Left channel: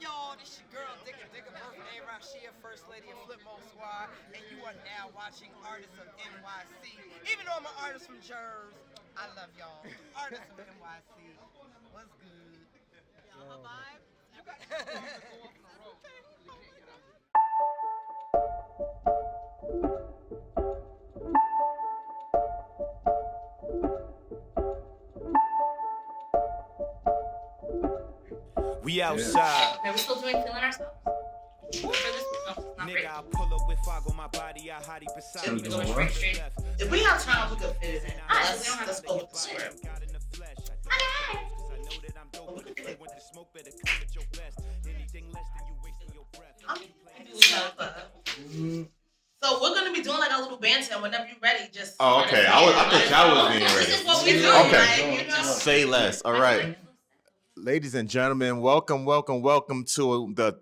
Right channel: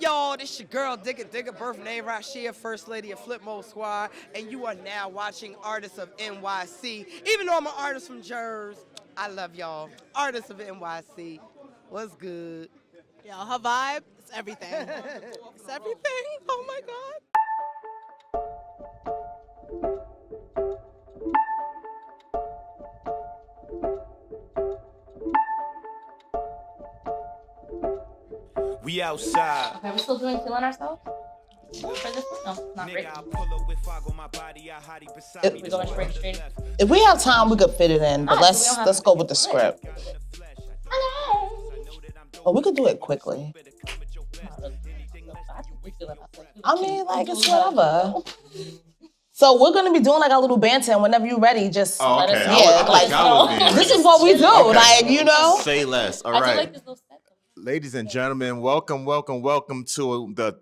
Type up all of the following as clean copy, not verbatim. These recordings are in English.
Y'all, this your girl, Digga, birth name Rashia, First Lady of Flip Mode Squad, and you are now watching Artists of NYC. Even though I'm an artist from Jersey, I love y'all. Artists of NYC. What's good? Yo, her vibe, it's everything. It's everything. Oh my God. We outside. Are we still doing feeling ourselves? For this? No, not Nigga, great. I pull up with fog on my body, I hottie beside me. We're going straight. If we have time, we could fit it in, but Alright, so we don't have let's to go make with the it script. But we could do it quickly. I mean, like it's whatever. So we're gonna be doing like a little banter, and whenever you're ready, just Oh, okay. Yeah, I thought y'all was being ready. this is what we do, Okay. like you know. Say less. All I feel right. like this little set. Ladies and gentlemen, welcome to the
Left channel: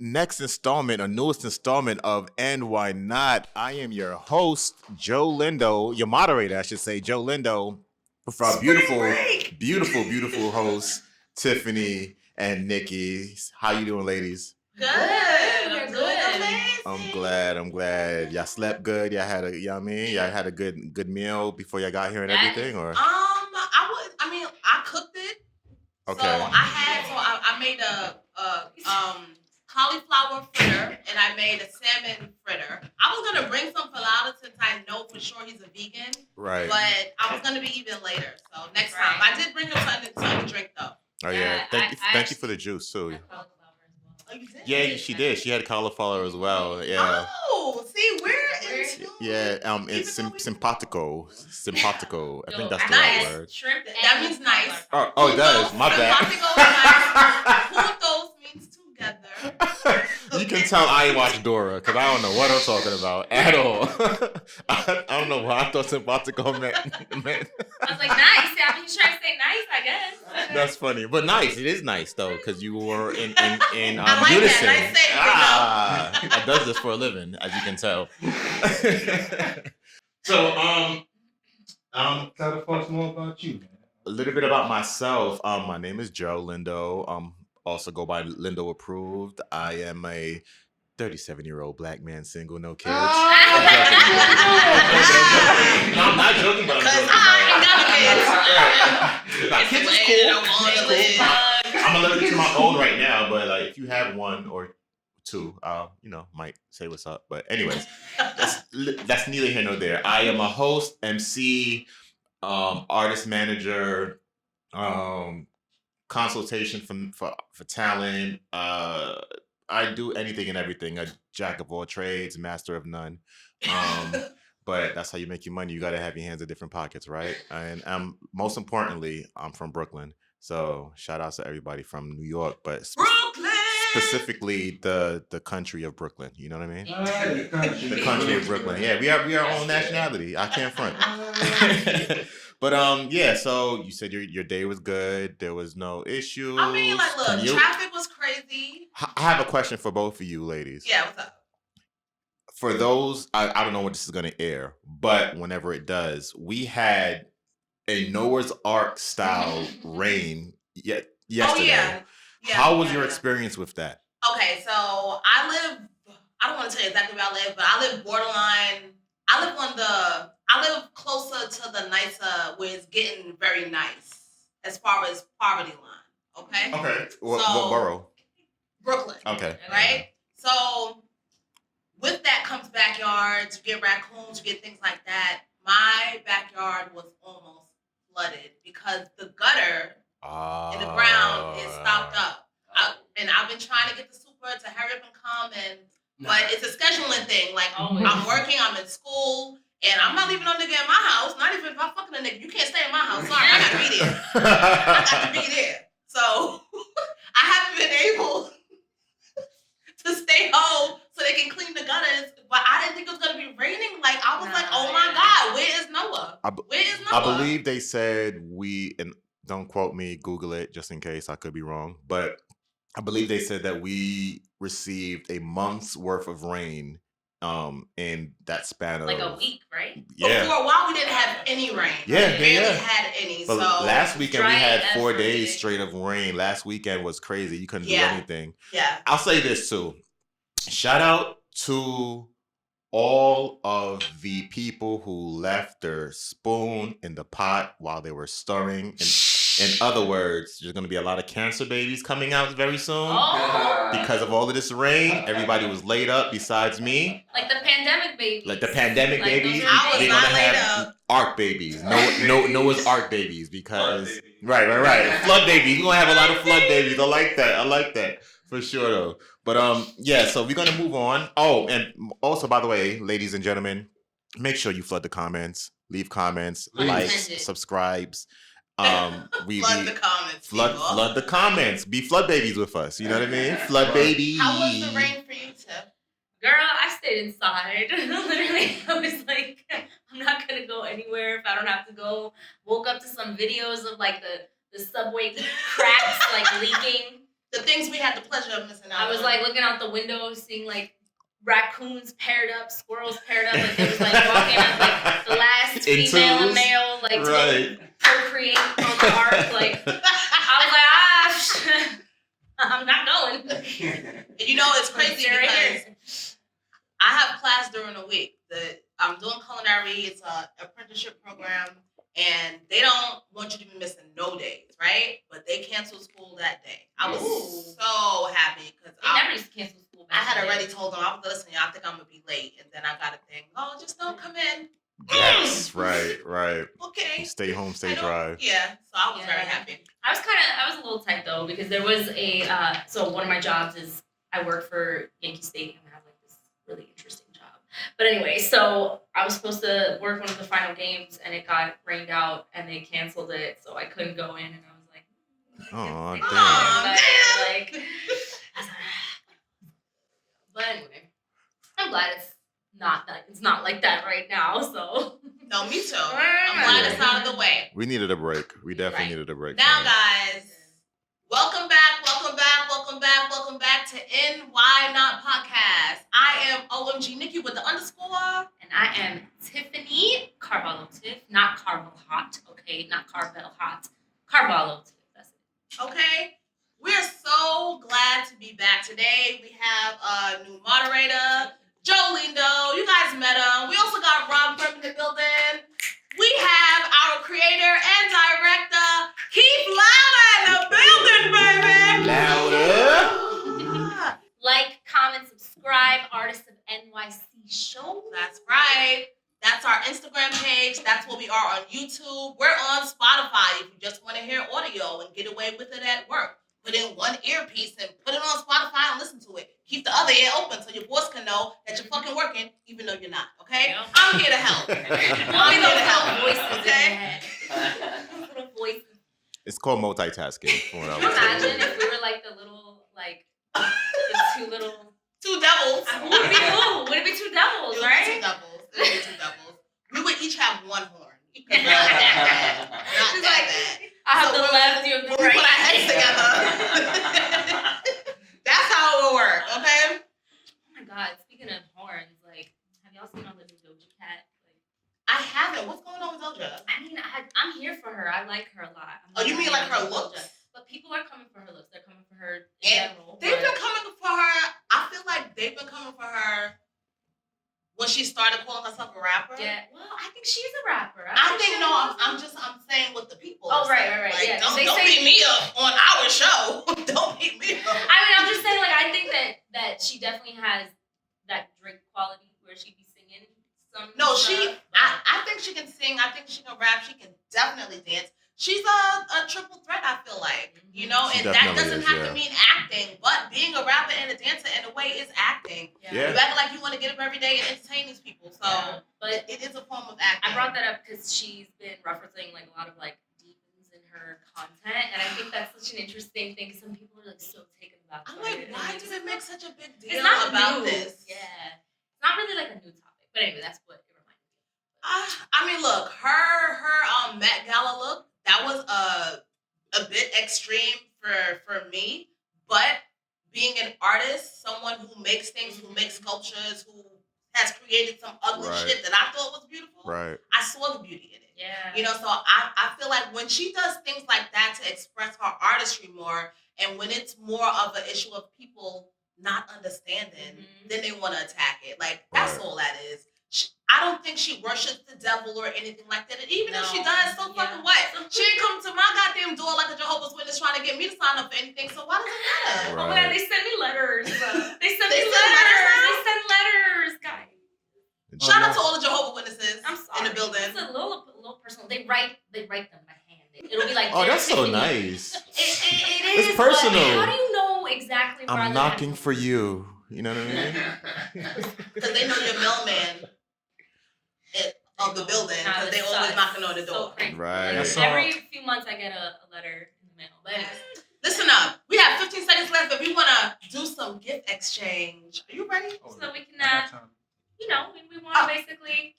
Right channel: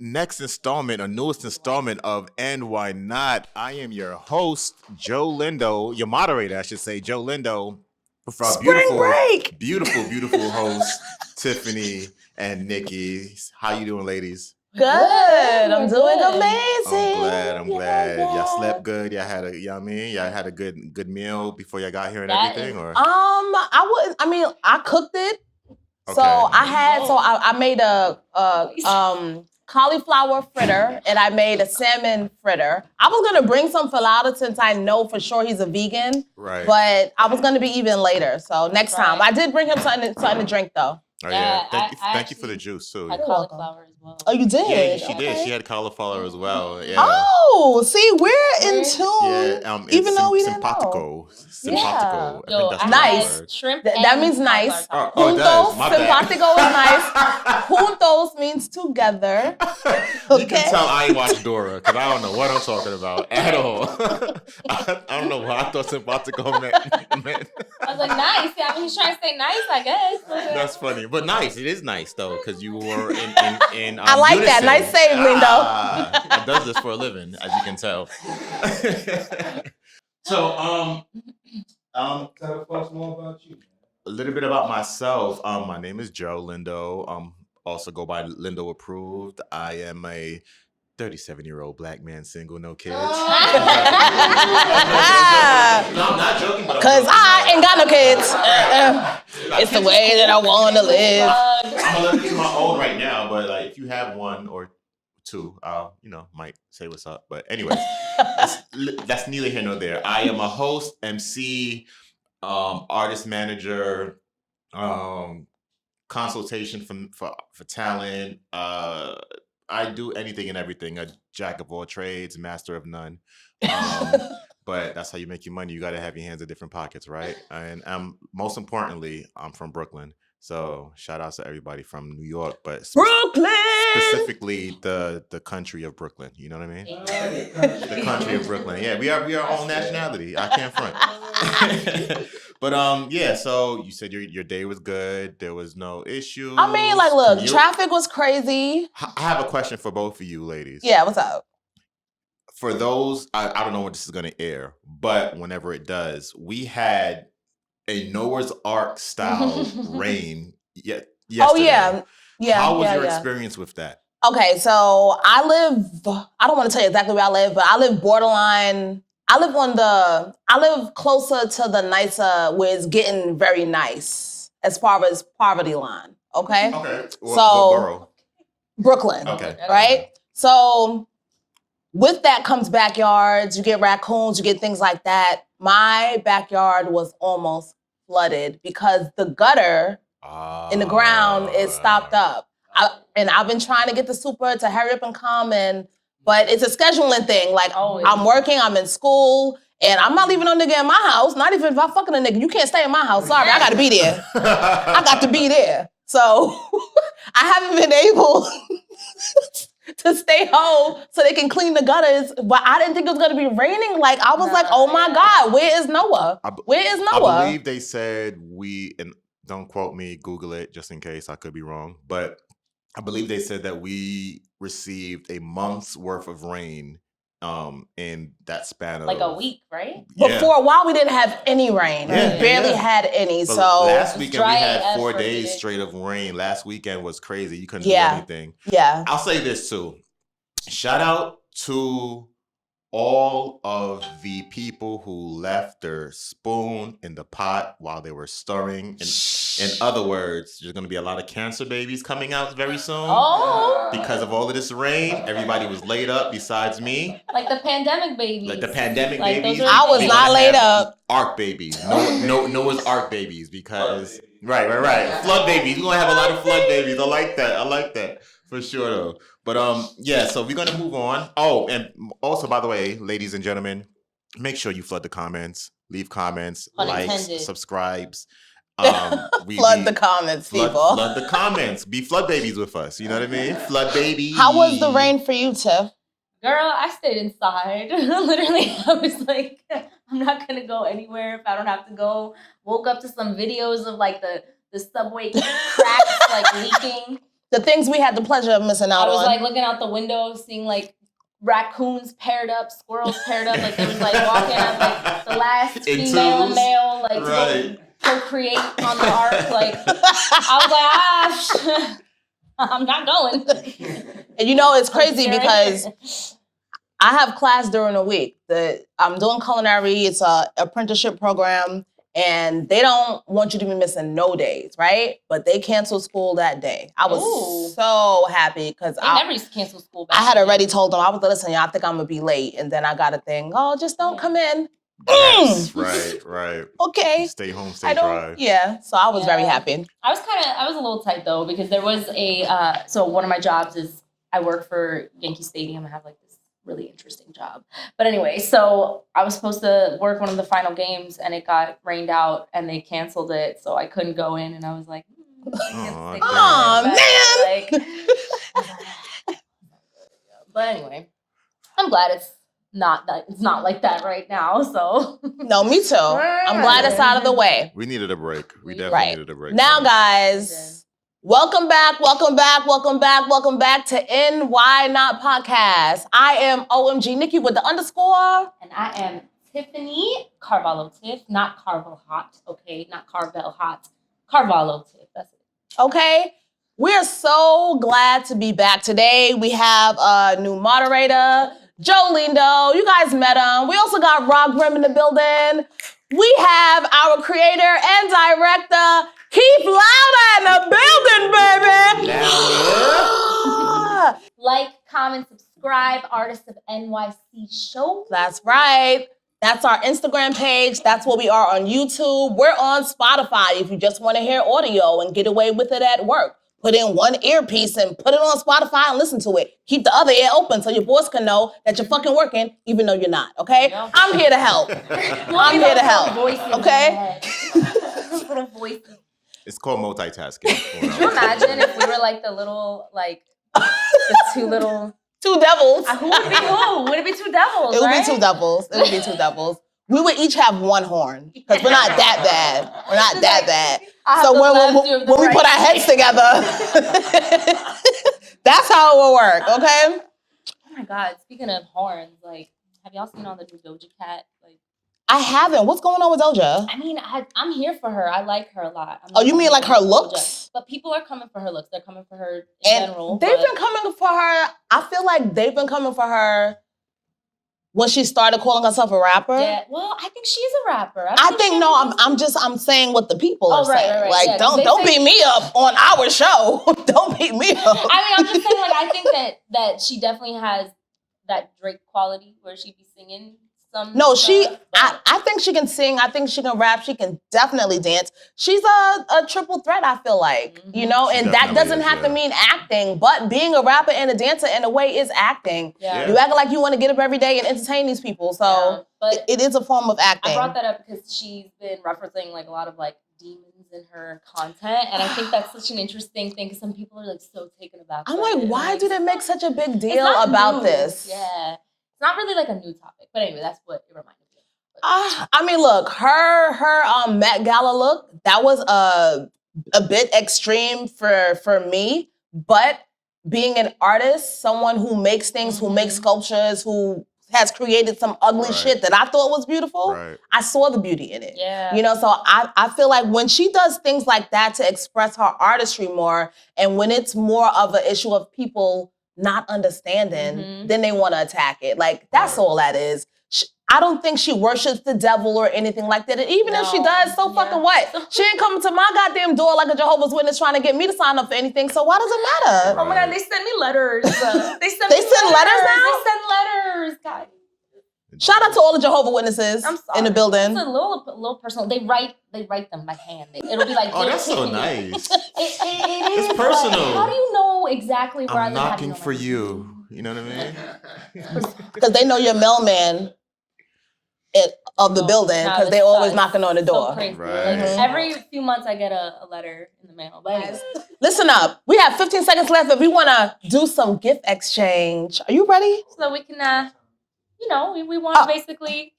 next installment, or newest installment of And Why Not. I am your host, Joe Lindo, your moderator, I should say, Joe Lindo, with our beautiful hosts, Tiffany and Niki. How you doing, ladies? Good. I'm doing Good. amazing. I'm glad. Yeah. Y'all slept good. Y'all had y'all had a good meal before y'all got here and That everything, is- or I cooked it. So Okay. I made a cauliflower fritter and I made a salmon fritter. I was gonna bring some falafel since I know for sure he's a vegan, Right. but I was gonna be even later. So next time, Right. I did bring him something to drink though. Oh yeah. Yeah, Thank you for the juice too. Had You're welcome. cauliflower as well. Oh, you did? Yeah, she did. Okay. She had cauliflower as well. Yeah. Oh, see, we're in tune. Yeah, it's even though we didn't know. simpatico. Simpatico. I think that's the Nice. right word. Shrimp. That and means nice. cauliflower. Oh, it does. Juntos, My bad. simpatico is nice. Juntos means together. You can tell I ain't watched Dora because I don't know what I'm talking about at all. I don't know why I thought simpatico meant. I was like, nice. Yeah, I mean, he's trying to say nice, I guess. That's funny, but nice. It is nice though because you were in I like unison. that. Nice save, Lindo. I does this for a living, as you can tell. So Tell us more about you, man. a little bit about myself. My name is Joe Lindo. Also go by Lindo Approved. I am a 37-year-old black man, single, no kids. No, I'm not joking, but I'm Cause joking. I ain't got no kids. Nah, It's the kids way is that I cool. want to live. I'm allergic to my own right now, but like if you have one or two, might say what's up. But anyways, that's neither here nor there. I am a host, MC, artist manager, consultation for talent. I do anything and everything. A jack of all trades, master of none. But that's how you make your money. You got to have your hands in different pockets, right? And most importantly, I'm from Brooklyn. So shout out to everybody from New York, but Brooklyn. specifically the country of Brooklyn. You know what I mean? The country of Brooklyn. Yeah, we are our own nationality. I can't front. But yeah, so you said your day was good. There was no issue. I mean, like, look, traffic was crazy. I have a question for both of you ladies. Yeah, what's up? For those, I don't know when this is going to air, but whenever it does, we had a Noah's Ark style rain yesterday. Oh yeah, yeah. How was yeah, your yeah. experience with that? Okay, so I don't want to tell you exactly where I live, but I live borderline. I live closer to the nicer, where it's getting very nice as far as poverty line. Okay. Okay. So- What borough? Brooklyn. Okay. Right? So with that comes backyards, you get raccoons, you get things like that. My backyard was almost flooded because the gutter in the ground is stopped up. I've been trying to get the super to hurry up and come but it's a scheduling thing. Like, I'm working, I'm in school, and I'm not leaving no nigga in my house. Not even if I'm fucking a nigga. You can't stay in my house. Sorry, I gotta be there. I got to be there. So I haven't been able to stay home so they can clean the gutters. But I didn't think it was gonna be raining. Like, I was like, oh my God, where is Noah? Where is I Noah? believe they said and don't quote me, Google it just in case I could be wrong, but I believe they said that we received a month's worth of rain in that span of like a week, right? Yeah. Before a while, we didn't have any rain. Yeah, We barely yeah. had any. But So last weekend we dry had AF 4 for days today. straight of rain. Last weekend was crazy. You couldn't do Yeah. anything. yeah, I'll say this too. Shout out to all of the people who left their spoon in the pot while they were stirring. In other words, there's going to be a lot of cancer babies coming out very soon. Oh, Because of all of this rain, everybody was laid up besides me. like the pandemic babies. Like the pandemic Like, babies. those are I was we're not gonna laid have up. Ark babies. Noah's Ark babies because right. Flood babies. We're gonna have a lot of flood babies. I like that. For sure though. But yeah, so we're gonna move on. Oh, and also by the way, ladies and gentlemen, make sure you flood the comments, leave comments, likes, Unintended. subscribes. flood the comments, people. Flood the comments. Be flood babies with us. You know what I mean? Flood babies. How was the rain for you, Tiff? Girl, I stayed inside. Literally, I was like, I'm not gonna go anywhere if I don't have to go. Woke up to some videos of like the subway cracks like leaking. The things we had the pleasure of missing out I was on. like looking out the window, seeing like raccoons paired up, squirrels paired up, like they was like walking up like the last In female twos? male like Right. to procreate on the ark. Like I was like, I'm not going. And you know, it's crazy Here I because am. I have class during the week. I'm doing culinary. It's a apprenticeship program, and they don't want you to be missing no days, right? But they canceled school that day. I was Ooh. so happy because They never used to cancel school back I had then. already told them, I was like, listen, y'all, I think I'm gonna be late. And then I got a thing, oh, just don't come in. Yes, right. Okay. Stay home, I stay don't- dry. Yeah, so I was very Yeah. happy. I was a little tight though because there was so one of my jobs is I work for Yankee Stadium. I have like this really interesting job. But anyway, so I was supposed to work one of the final games and it got rained out and they canceled it, so I couldn't go in and I was like, Aw, man. damn. But anyway, I'm glad it's not like that right now. So No, me too. I'm glad it's out of the way. We needed a break. We definitely Right. needed a break. Now, guys, welcome back to NY Not Podcast. I am OMG Nikki with the underscore. and I am Tiffany Carvalho Tiff, not Carvel Hot, okay? Not Carvel Hot. Carvalho Tiff. That's it. Okay. We're so glad to be back today. We have a new moderator, Joe Lindo. You guys met him. We also got Rob Grimm in the building. We have our creator and director, Keith Lauda, in the building, baby. Louder. Like, comment, subscribe, Artists of NYC show. That's right. That's our Instagram page. That's what we are on YouTube. We're on Spotify if you just want to hear audio and get away with it at work. Put in one earpiece and put it on Spotify and listen to it. Keep the other ear open so your boss can know that you're fucking working even though you're not, okay? Yeah. I'm here to help. I'm here to help, Voices okay? in your head. Those little voices. It's called multitasking. Can you imagine if we were like the little, like, the two little... Two devils. Who would be who? Would it be two devils, It would right? be two devils. It would be two devils. We would each have one horn because we're not that bad. We're not It's that like, bad. I have So the left, you have the when we right. put our heads together, that's how it will work, okay? Oh my God! Speaking of horns, like, have y'all seen all the new Doja Cat? Like, I haven't. What's going on with Doja? I mean, I'm here for her. I like her a lot. Oh, you mean like her Doja. looks? But people are coming for her looks. They're coming for her in And general. they've been coming for her. I feel like they've been coming for her when she started calling herself a rapper. Yeah. Well, I think she's a rapper. I think no. I'm saying what the people are Oh, right, saying. right, right. Like, Yeah, don't they say- beat me up on our show. Don't beat me up. I mean, I'm just saying, like, I think that she definitely has that Drake quality where she be singing some. No, stuff, but- I think she can sing. I think she can rap. She can definitely dance. She's a triple threat, I feel like. You know, She and that definitely doesn't is, have to yeah. mean acting, but being a rapper and a dancer in a way is acting. Yeah. You act like you want to get up every day and entertain these people. So Yeah, but it is a form of acting. I brought that up because she's been referencing like a lot of like demons in her content, and I think that's such an interesting thing because some people are like so taken aback. I'm by like, it, and why like, do they make such a big it's deal not about new. this? Yeah, it's not really like a new topic, but anyway, that's what it reminded me of. I mean, look, her Met Gala look, that was a bit extreme for me, but being an artist, someone who makes things, who makes sculptures, who has created some ugly Right. shit that I thought was beautiful, Right. I saw the beauty in it. Yeah. You know, so I feel like when she does things like that to express her artistry more, and when it's more of an issue of people not understanding, then they want to attack it. Like, that's Right. all that is. I don't think she worships the devil or anything like that. And even if she does, so fucking what? She ain't coming to my goddamn door like a Jehovah's Witness trying to get me to sign up for anything. So why does it matter? Right. Oh my God, they send me letters. They send They me send letters now? They send letters, guys. Shout out to all the Jehovah's Witnesses I'm sorry. in the building. It's a little personal. They write them by hand. It'll be like, Oh, Dear that's so Tiffany. nice. It is. It's personal. But how do you know exactly where I'm knocking for you. You know what I mean? Because they know your mailman of the building, because they always knocking on the door. So crazy. Right. Like, every few months I get a letter in the mail. But anyways. Listen up. We have 15 seconds left if we want to do some gift exchange. Are you ready? So we can, we want to basically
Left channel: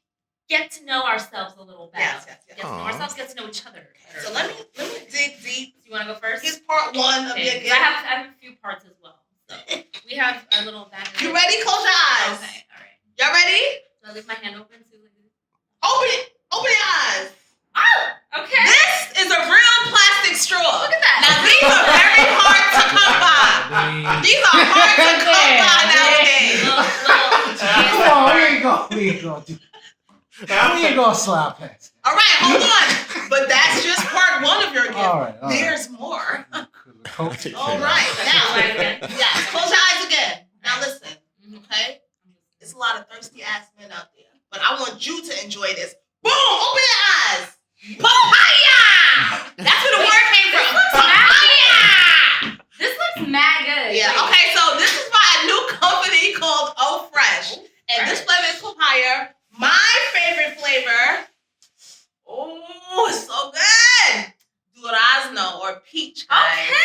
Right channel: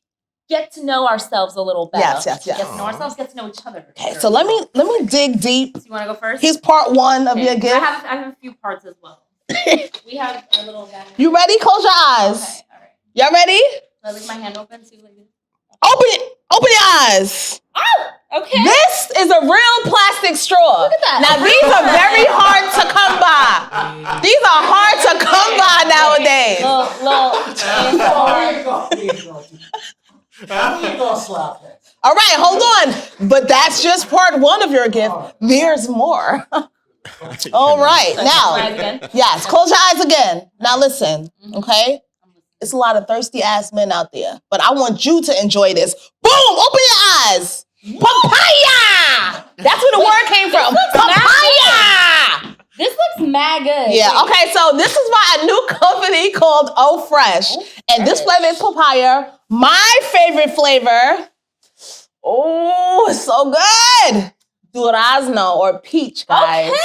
get to know ourselves a little better. Yes. Get to know ourselves, get to know each other. Okay, so let me dig deep. So you want to go first? Here's part one of your So gift. I have a few parts as well. We have our little guy. You ready? Close your eyes. Okay, all right. Y'all ready? So I leave my hand open, see what I do. Open it. Open your eyes. Oh, okay. This is a real plastic straw. Look at that. Now, these are very hard to come by. These are hard to come by nowadays. We ain't gonna slap it. All right, hold on. But that's just part one of your gift. All right. There's more. All right, now, yes, close your eyes again. Now listen, okay? It's a lot of thirsty ass men out there, but I want you to enjoy this. Boom! Open your eyes. Papaya! That's where the word came from. Papaya! This looks mad good. Yeah, okay, so this is by a new company called Oh Fresh. And this flavor is papaya. My favorite flavor. Oh, it's so good. Durazno or peach, guys. Okay.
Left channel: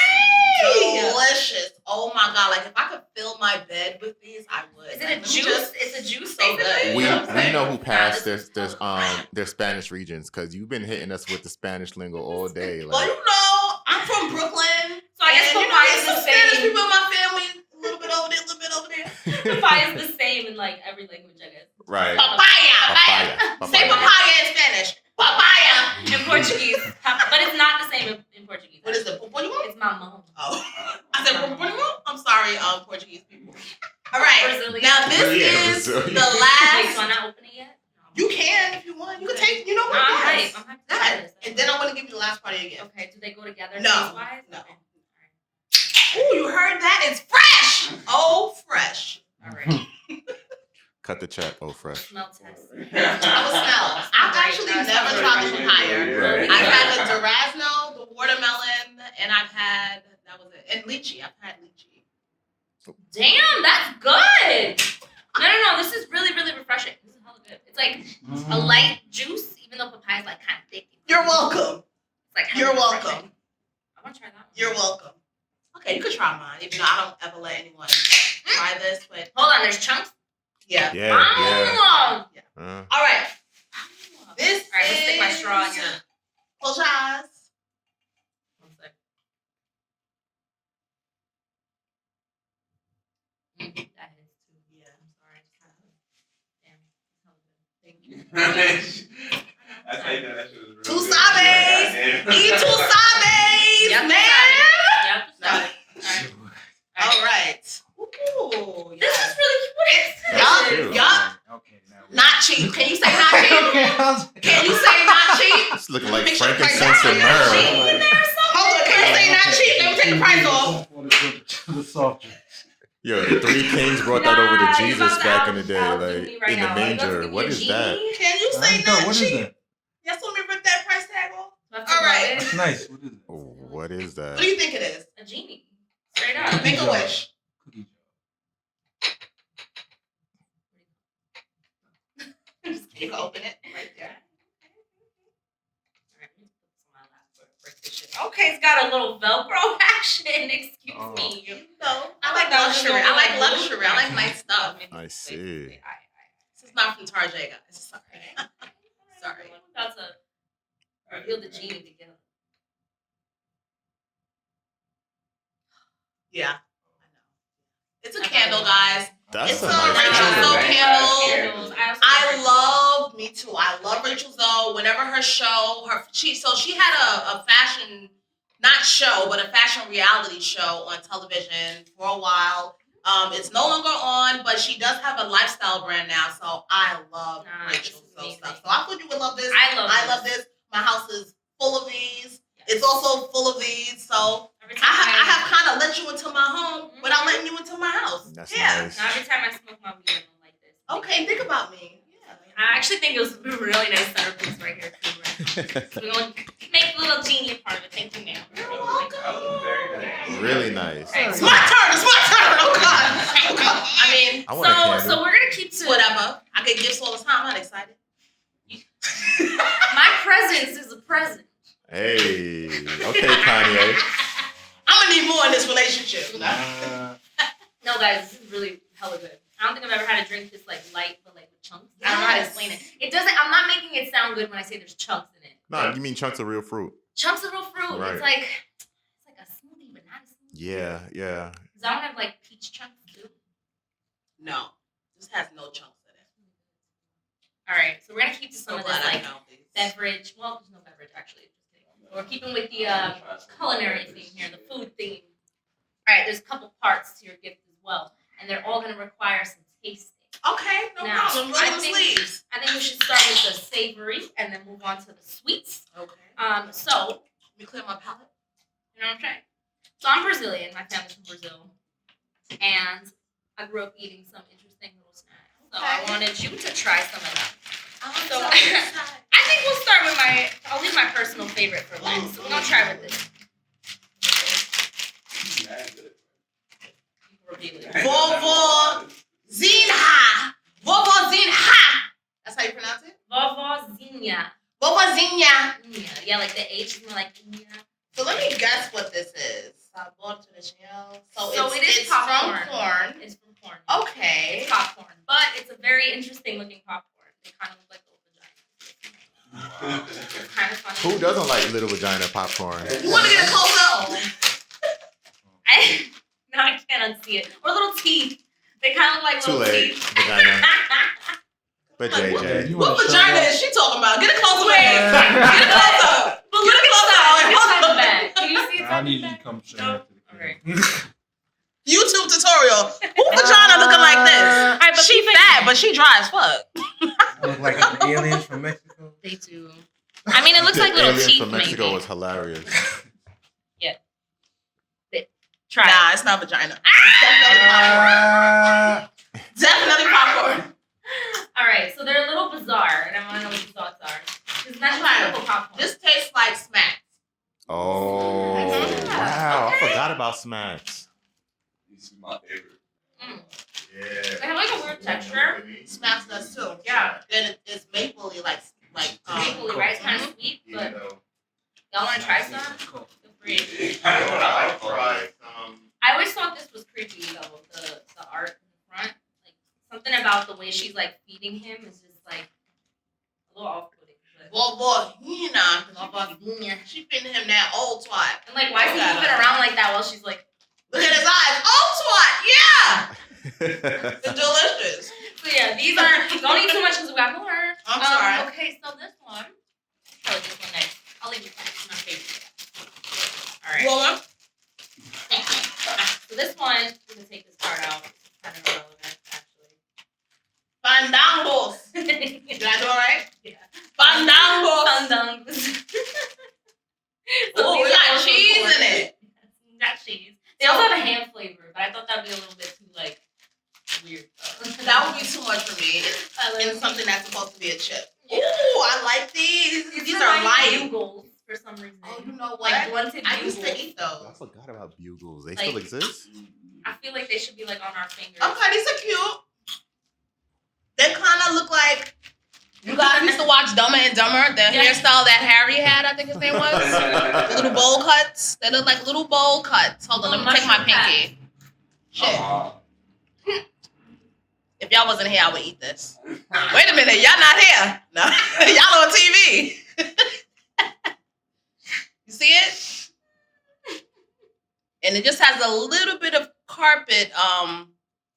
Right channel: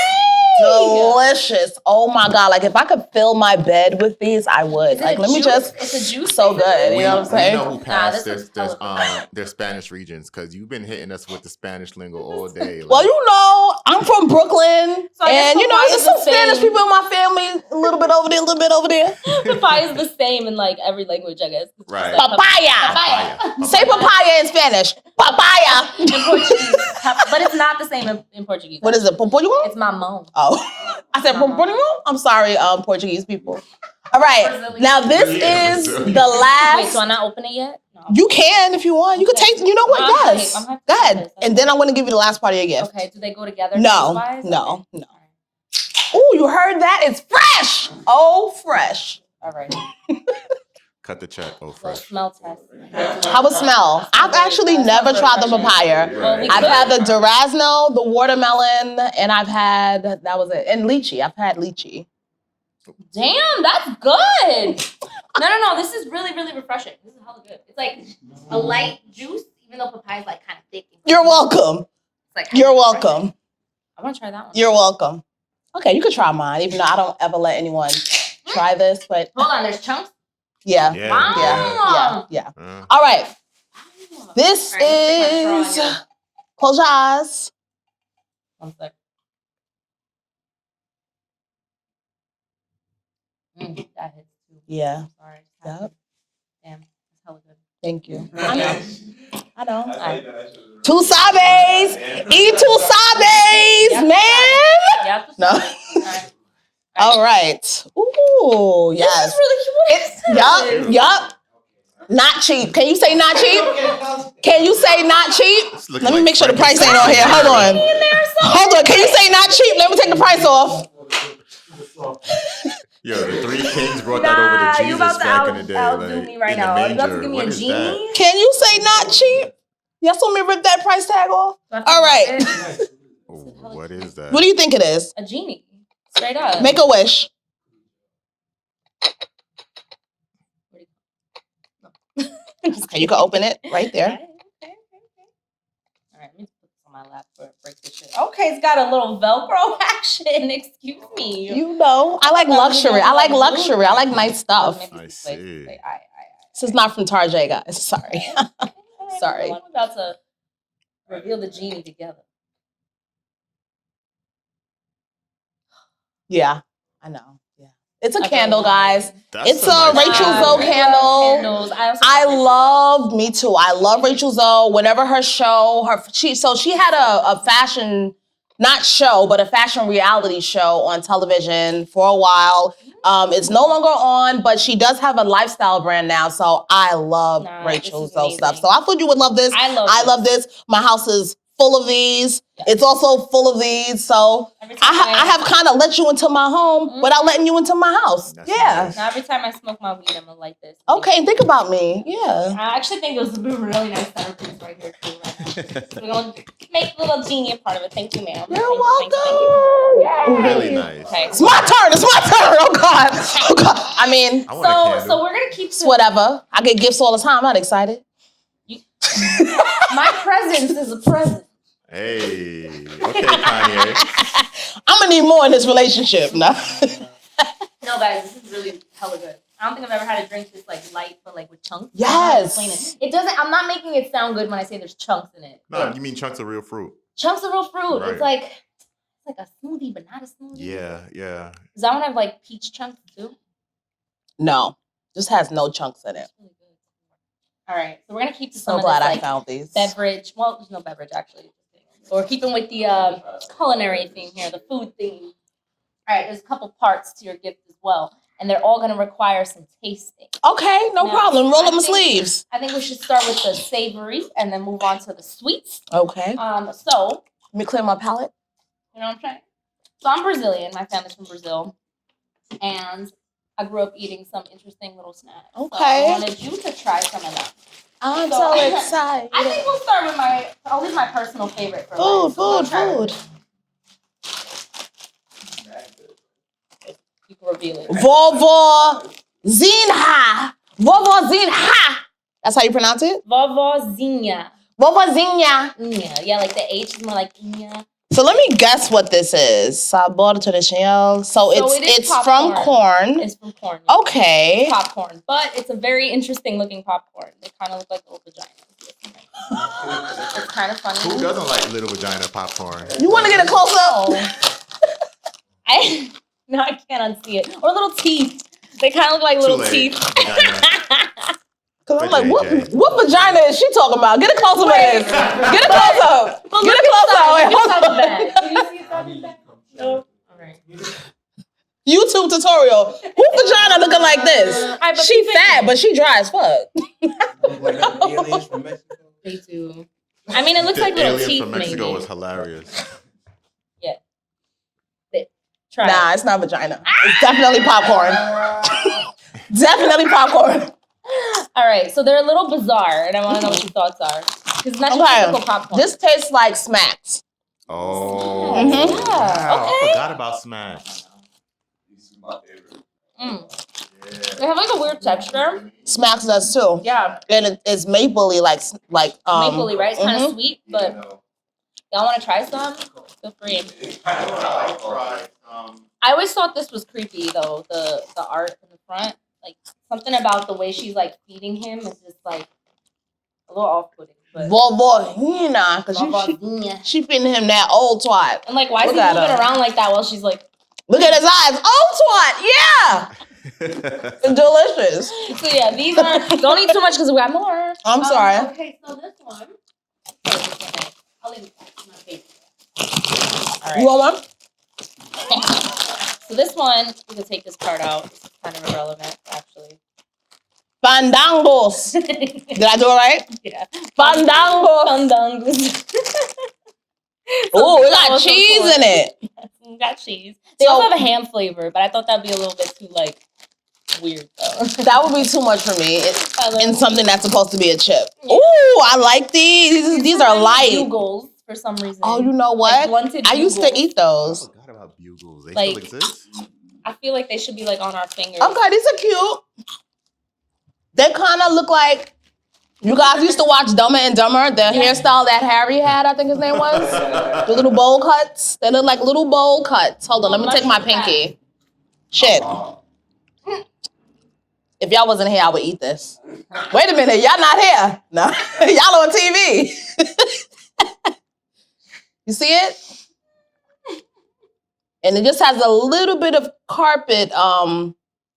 Delicious. Oh my God. Like, if I could fill my bed with these, I would. Like, let me just. It's a juice. So good. basically? We, You know what I'm saying? know who passed this their is colorful. their Spanish regions because you've been hitting us with the Spanish lingo all day. Well, like- you know, I'm from Brooklyn. So I guess and, you know, papaya there's is some the Spanish same. people in my family. A little bit over there, a little bit over there. Papaya is the same in like every language, I guess. It's Right. just like Papaya. Papaya. Say papaya in Spanish. Papaya. in Portuguese, but it's not the same in Portuguese. What is it? Pompoño? It's mamão. Oh. I said pompoño? I'm sorry, Portuguese people. All right. Brazilian. Now, this Yeah, is Brazilian. the Wait, last. so I'm not open it yet? No. You can if you want. You can Okay. take, you know what? I'm hyped. Yes. I'm hyped Go to try ahead. this. And then I'm going to give you the last part of your gift. Okay, do they go together? No, taste-wise? no, Okay. no. Oh, you heard that? It's fresh. Oh, fresh. All right. Cut the check. Oh, fresh. Smell test. How would smell? I've actually never tried the papaya. Right. I've had the durazno, the watermelon, and I've had, that was it. And lychee. I've had lychee. Damn, that's good. No. This is really, really refreshing. This is hella good. It's like a light juice, even though papaya is like kind of thick. You're welcome. It's like You're hella welcome. refreshing. I want to try that one. You're welcome. Okay, you can try mine, even though I don't ever let anyone try this, but Hold on, there's chunks. yeah. Yeah. Wow. Yeah. Yeah. All right. This All right, let's stick my is. straw in here. Close your eyes. 1 sec. That hits too. Yeah. Sorry. Yep. Damn, it's hella good. Thank you. I I know. know. Two sabes. Eat two sabes, Yep. man. Yep. No. Alright. All right. Ooh, This yes. is really Yup. Cute. Yup. Okay, now. Not cheap. Can you say not cheap? Okay, Can you say not cheap? It's looking Let me like make sure the price ain't on frankincense here. and Hold myrrh. on. Hold on. Can you say not cheap? Let me take the price off. Yo, the Three Kings brought that over to you Jesus about to back in the day, outdo like me right in now. the You about to manger. give me What a is genie? that? Can you say not What is cheap? that? Yes, want me to rip that price tag off? Do I have to All right. rub it? Nice. What is it? Oh, what is that? What do you think it is? A genie. Straight up. Make a wish. Okay, you can open it right there. Okay. All right, let me put this on my lap for break this shit. Okay, it's got a little Velcro action. Excuse me. You know, I like luxury. I like luxury. I like nice stuff. I see. This is not from Tarjay, guys. Sorry. Sorry. We're about to reveal the genie together. Yeah, I know. Yeah, It's a Okay. candle, guys. That's It's a nice Rachel candle. Zoe candle. Candles. Me too. I love Rachel Zoe. Whenever her show, she had a fashion, not show, but a fashion reality show on television for a while. It's no longer on, but she does have a lifestyle brand now. So I love Rachel Zoe stuff. So I thought you would love this. I love this. My house is full of these. Yes. It's also full of these. So I have kind of let you into my home without letting you into my house. That's Nice. Now every time I smoke my weed, I'm gonna light this. Okay, think about me. Yeah. I actually think it was a really nice centerpiece right here too. Right now. So we're gonna make the little genie a part of it. Thank you, ma'am. You're welcome. Really nice. Okay. It's my turn. It's my turn. Oh God. Oh God. I mean, I want a candle. So we're gonna keep this. Whatever. I get gifts all the time. I'm not excited. My presence is a present. Hey. Okay, Kanye. I'm gonna need more in this relationship. No. No, guys, this is really hella good. I don't think I've ever had a drink this like light, but like with chunks. Yes. I don't know how to explain it. It doesn't. I'm not making it sound good when I say there's chunks in it. No, you mean chunks of real fruit. Chunks of real fruit. Right. It's like a smoothie, but not a smoothie. Yeah. Does that one have like peach chunks too? No. This has no chunks in it. Really good. All right, so we're gonna keep to some So of glad this I like found these. beverage. Well, there's no beverage actually. So we're keeping with the culinary theme here, the food theme. All right, there's a couple parts to your gift as well, and they're all gonna require some tasting. Okay, no Now, problem. Roll I up my think- sleeves. I think we should start with the savory and then move on to the sweets. Okay. So Let me clear my palate. you know what I'm saying? So I'm Brazilian. My family's from Brazil, and I grew up eating some interesting little snacks. Okay. So I wanted you to try some of them. I'm So, so excited. I think we'll start with I'll leave my personal favorite for last. So we'll try with Food. it. You can reveal it. Vovozinha. Vovozinha. That's how you pronounce it? Vovozinha. Vovozinha. Yeah, like the H is more like Inha. So let me guess what this is. Sabor tradicional. So it is it's from corn. It's from corn. Okay. It's popcorn, but it's a very interesting looking popcorn. They kind of look like little vaginas. It's kind of funny. Who doesn't like little vagina popcorn? You want to get a close up? No, I can't unsee it. Or little teeth. They kind of look like Too little late. teeth. Vagina. Cause I'm But like, JJ. what vagina is she talking about? Get a close up. Wait. Get a close up. But Get look a close inside. up. Look inside the bag. Can you see I inside need the you to bag? come show No. me. Okay. YouTube tutorial. Who vagina looking like this? Alright, but She keep it- fat, but she dry as fuck. Look like the aliens from Mexico. They do. I mean, it looks The like little alien teeth. from Mexico maybe. was hilarious. Try. Nah, it's not vagina. It's definitely popcorn. Definitely popcorn. All right, so they're a little bizarre, and I want to know what your thoughts are. Because it's not just Okay. typical popcorn. This tastes like smacks. Oh, Mhm. wow. Okay. I forgot about smacks. This is my favorite. Yeah. They have like a weird texture. Smacks does too. Yeah, And it's mapley, like mapley, right? It's kind of mhm. sweet, but y'all want to try some? Feel free. I always thought this was creepy though. The art in the front, like something about the way she's like feeding him is just like a little off-putting. But Vovozinha, because Vovozinha. she feeding him that old twat. And like, why is he Look at moving her. around like that while she's like? Look at his eyes. Old twat, yeah. It's delicious. So yeah, these are. Don't eat too much because we got more. I'm sorry. Okay, so this one. I'll leave it. It's my favorite. All You right. want one? So this one, we can take this part out. This is kind of irrelevant, actually. Fandangos. Did I do it right? Yeah. Fandangos. Fandangos. Oh, we got cheese in it. We got cheese. They also have a ham flavor, but I thought that'd be a little bit too like weird though. That would be too much for me. In something that's supposed to be a chip. Yeah. Ooh, I like these. These are light. Bugles for some reason. Oh, you know what? Like blunted I used to bugles. eat I those. forgot about bugles. They Like- still exist? I feel like they should be like on our fingers. Okay, these are cute. They kind of look like, you guys used to watch Dumber and Dumber, the hairstyle that Harry had, I think his name was. The little bowl cuts. They look like little bowl cuts. Hold on, let me take my pinky. Shit. If y'all wasn't here, I would eat this. Wait a minute, y'all not here. No, y'all on TV. You see it? And it just has a little bit of carpet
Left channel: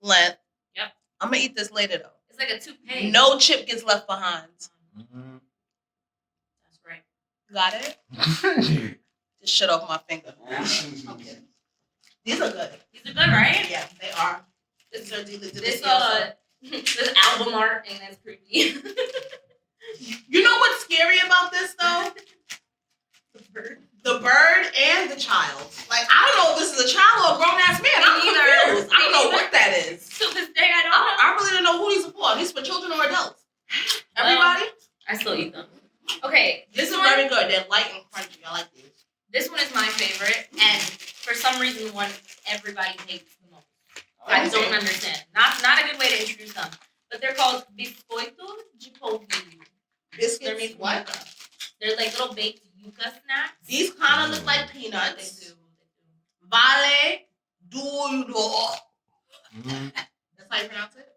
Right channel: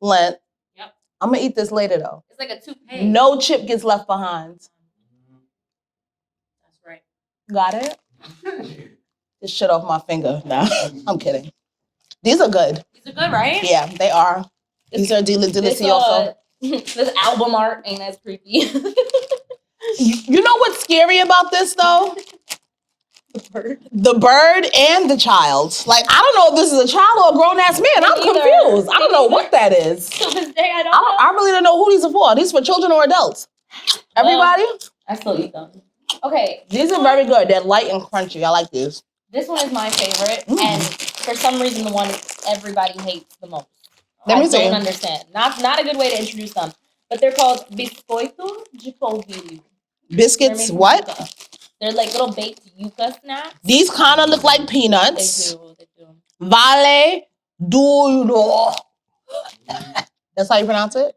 length. Yep. I'm gonna eat this later though. It's like a toupee. No chip gets left behind. That's right. Got it? Just shit off my finger. Nah, I'm kidding. These are good. These are good, right? Yeah, they are. These are delicioso. This album art ain't as creepy. You know what's scary about this though? The bird and the child. Like, I don't know if this is a child or a grown-ass man. I'm confused. I don't know what that is. To this day, I don't know. I really don't know who these are for. Are these for children or adults? Everybody? I still eat them. Okay. These are very good. They're light and crunchy. I like these. This one is my favorite. And for some reason, the one everybody hates the most. Let I me see. don't understand. Not a good way to introduce them. But they're called biscoito de polvilho. Biscuits, what? Yuca. They're like little baked yuca snacks. These kind of look like peanuts. They do. Vale duro. That's how you pronounce it?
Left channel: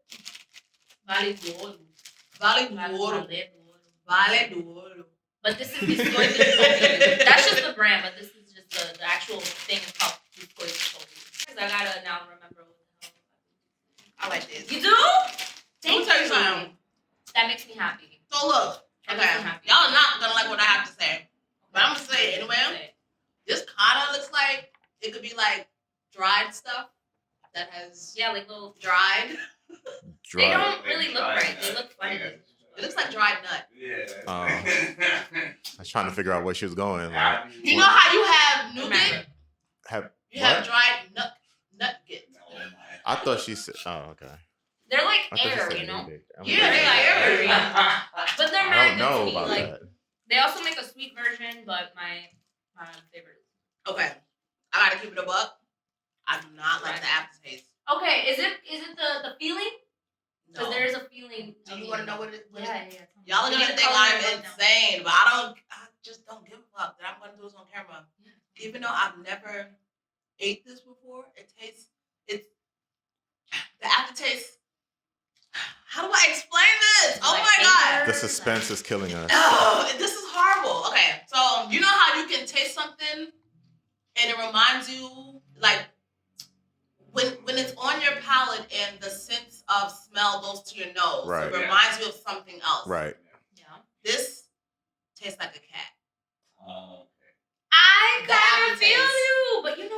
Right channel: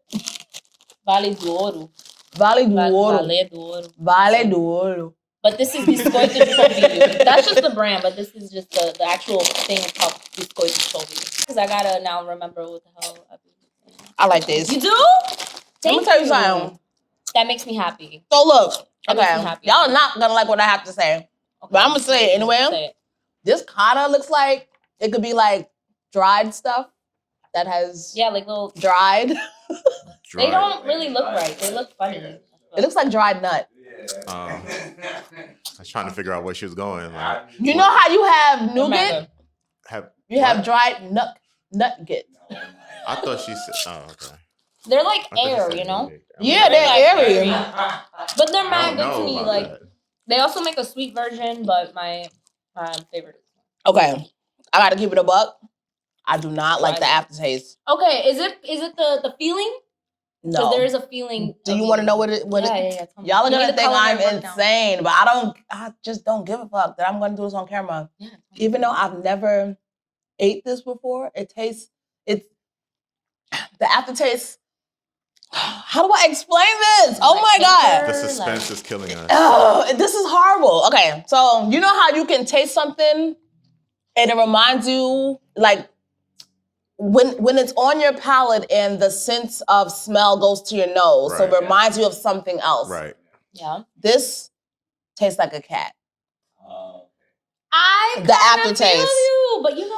Vale de ouro. Vale duro. Vale de ouro. Vale duro. But this is biscoito de polvilho. That's just the brand, but this is just the actual thing is called biscoito de polvilho. Because I gotta now remember what the hell I've been saying. I like this. You do? Let me tell you something. That makes me happy. So look, That makes me okay, happy. y'all are not gonna like what I have to say, but I'm gonna say it anyway. Say it. This kind of looks like it could be like dried stuff that has Yeah, like little. dried. They don't really look right. They look funny. It looks like dried nut. I was trying to figure out where she was going. Like, You know how you have nougat? Remember. You have dried nutget. I thought she said. Oh, okay. They're like I thought she air, said you know? nougat. Yeah, they're airy. But they're I mad don't good to know me. about Like that. they also make a sweet version, but my favorite. Okay, I gotta keep it a buck. I do not like the aftertaste. Okay, is it the feeling? No. Because there is a feeling. Do you want to know what it? Yeah. Tell me. Y'all are You gonna need to think color I'm their book now. insane, but I just don't give a fuck that I'm gonna do this on camera. Yeah. Even though I've never ate this before, it's the aftertaste. How do I explain this? Oh Like my God. paper. The suspense is killing us. Oh, this is horrible. Okay, so you know how you can taste something and it reminds you, like, when it's on your palate and the sense of smell goes to your nose, so it Right. reminds you of something else. Right. Yeah. This tastes like a cat. I The kinda aftertaste. feel you, but you know,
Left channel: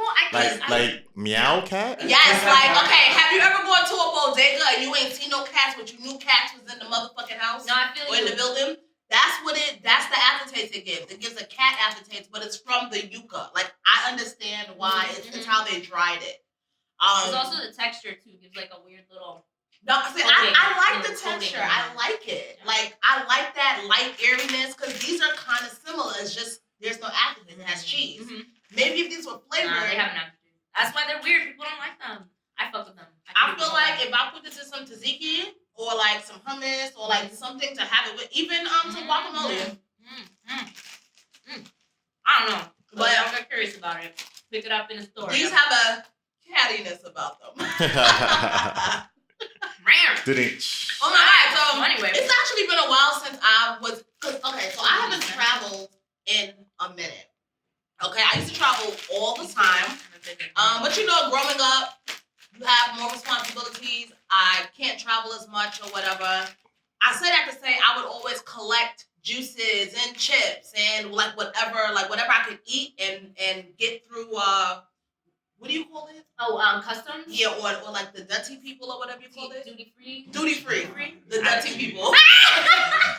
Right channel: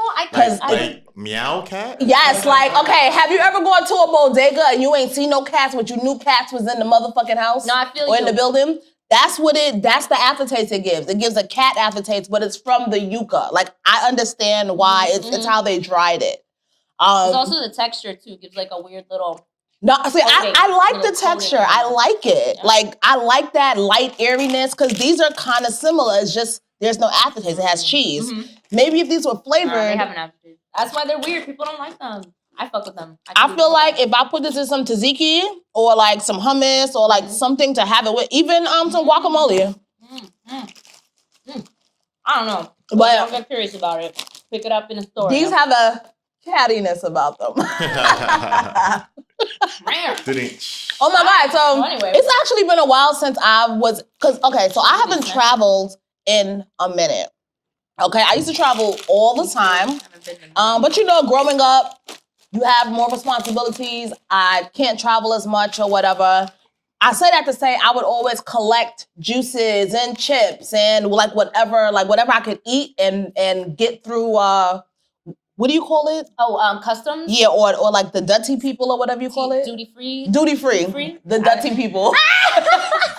Like meow cat? Yes, like, okay, have you ever gone to a bodega and you ain't seen no cats, but you knew cats was in the motherfucking house? No, I feel or in you. the building? That's the aftertaste it gives. It gives a cat aftertaste, but it's from the yucca. Like, I understand why it's how they dried it. It's also the texture too. Gives like a weird little. No, see, coating, I like little the texture. coating. I like it. Yeah. Like, I like that light airiness because these are kind of similar. It's just there's no aftertaste. It has cheese. Mhm. Maybe if these were flavored. Nah, they have an aftertaste. That's why they're weird. People don't like them. I fuck with them. I feel like if I put this in some tzatziki or like some hummus or like something to have it with, even some guacamole. I don't know. But I'm very curious about it. Pick it up in a store. these have a cattiness about them. Didn't. Oh my God. So So anyway. it's actually been a while since I was, so I haven't traveled in a minute. Okay, I used to travel all the time. But you know, growing up, you have more responsibilities. I can't travel as much or whatever. I say that to say I would always collect juices and chips and like whatever I could eat and get through what do you call it? Oh, customs? Yeah, or like the dirty people or whatever you call it. Duty free. Duty free. The dirty people.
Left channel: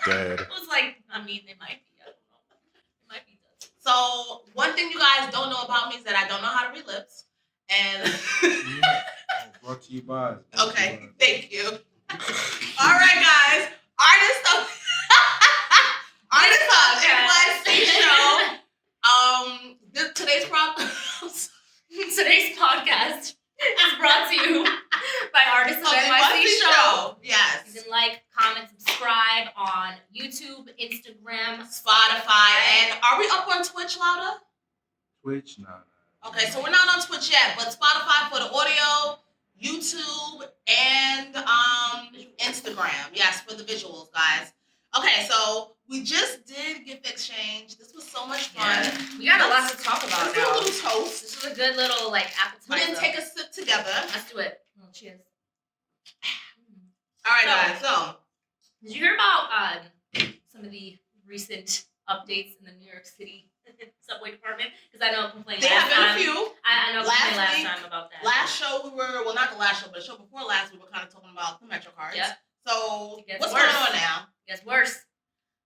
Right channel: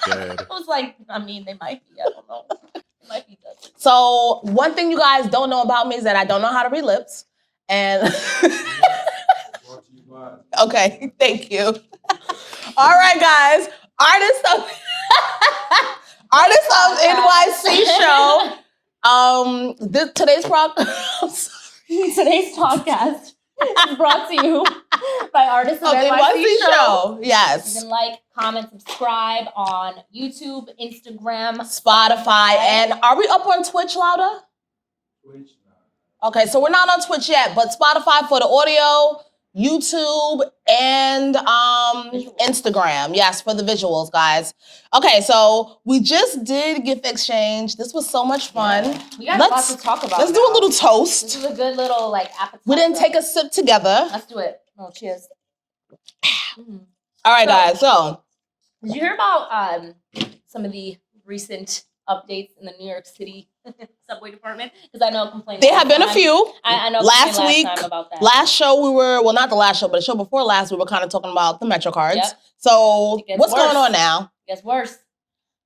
Dead. I was like, I mean, they might be. I don't know. They might be dirty. So one thing you guys don't know about me is that I don't know how to read lips. And Brought to you by. okay, thank you. All right, guys. Artists of NYC show. Today's podcast is brought to you by Artists of NYC show. You Yes. can like, comment, subscribe on YouTube, Instagram. Spotify. And are we up on Twitch louder? Twitch, nah. Okay, so we're not on Twitch yet, but Spotify for the audio, YouTube and Instagram. Yes, for the visuals, guys. Okay, so we just did gift exchange. This was so much fun. Yeah. We got a lot to talk about. Let's do a little toast. This is a good little like appetizer. We didn't take a sip together. Let's do it. No, cheers. All right, guys. So, did you hear about some of the recent updates in the New York City subway department? Because I know complaining. There have been a few. I know last week, time about that. Last show we were, well, not the last show, but the show before last, we were kind of talking about the Metro cards. Yep. So what's going on now? It gets worse.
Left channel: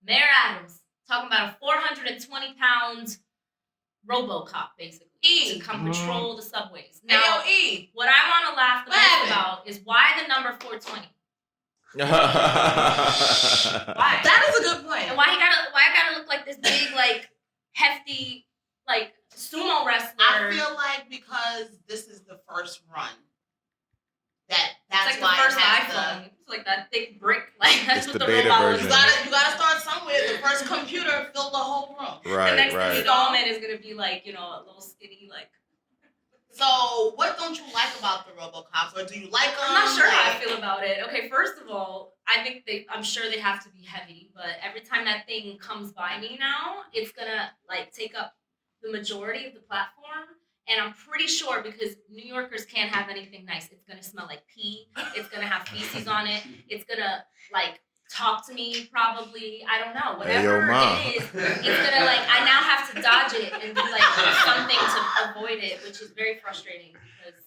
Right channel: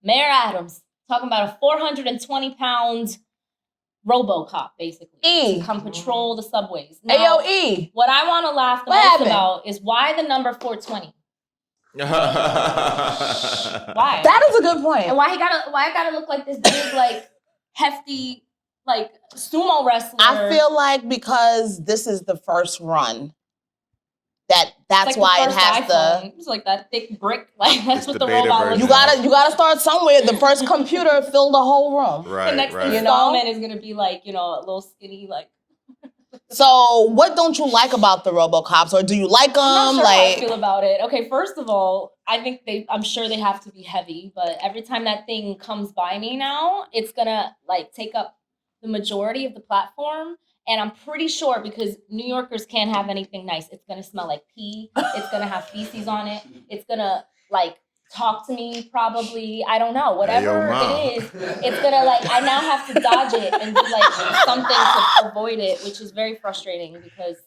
Mayor Adams talking about a 420-pound Robocop, basically, to come patrol the subways. Now, AOE. What I want to laugh the most about is why the number 420. Why? That is a good point. And why it gotta look like this big, like hefty, like sumo wrestler? I feel like because this is the first run, that's like why it has iPhone. to. It's like that thick brick. Like that's It's what the the beta robot version. You gotta start somewhere. The first computer filled the whole room. Right, the next right. installment is gonna be like a little skinny like. So what don't you like about the Robocops, or do you like them? I'm not sure how I feel about it. Okay, first of all, I think I'm sure they have to be heavy, but every time that thing comes by me now, it's gonna like take up the majority of the platform. And I'm pretty sure because New Yorkers can't have anything nice. It's gonna smell like pee. It's gonna have feces on it. It's gonna like talk to me probably. I don't know. Whatever it is, it's gonna like I now have to dodge it and do like something to avoid it, which is very frustrating because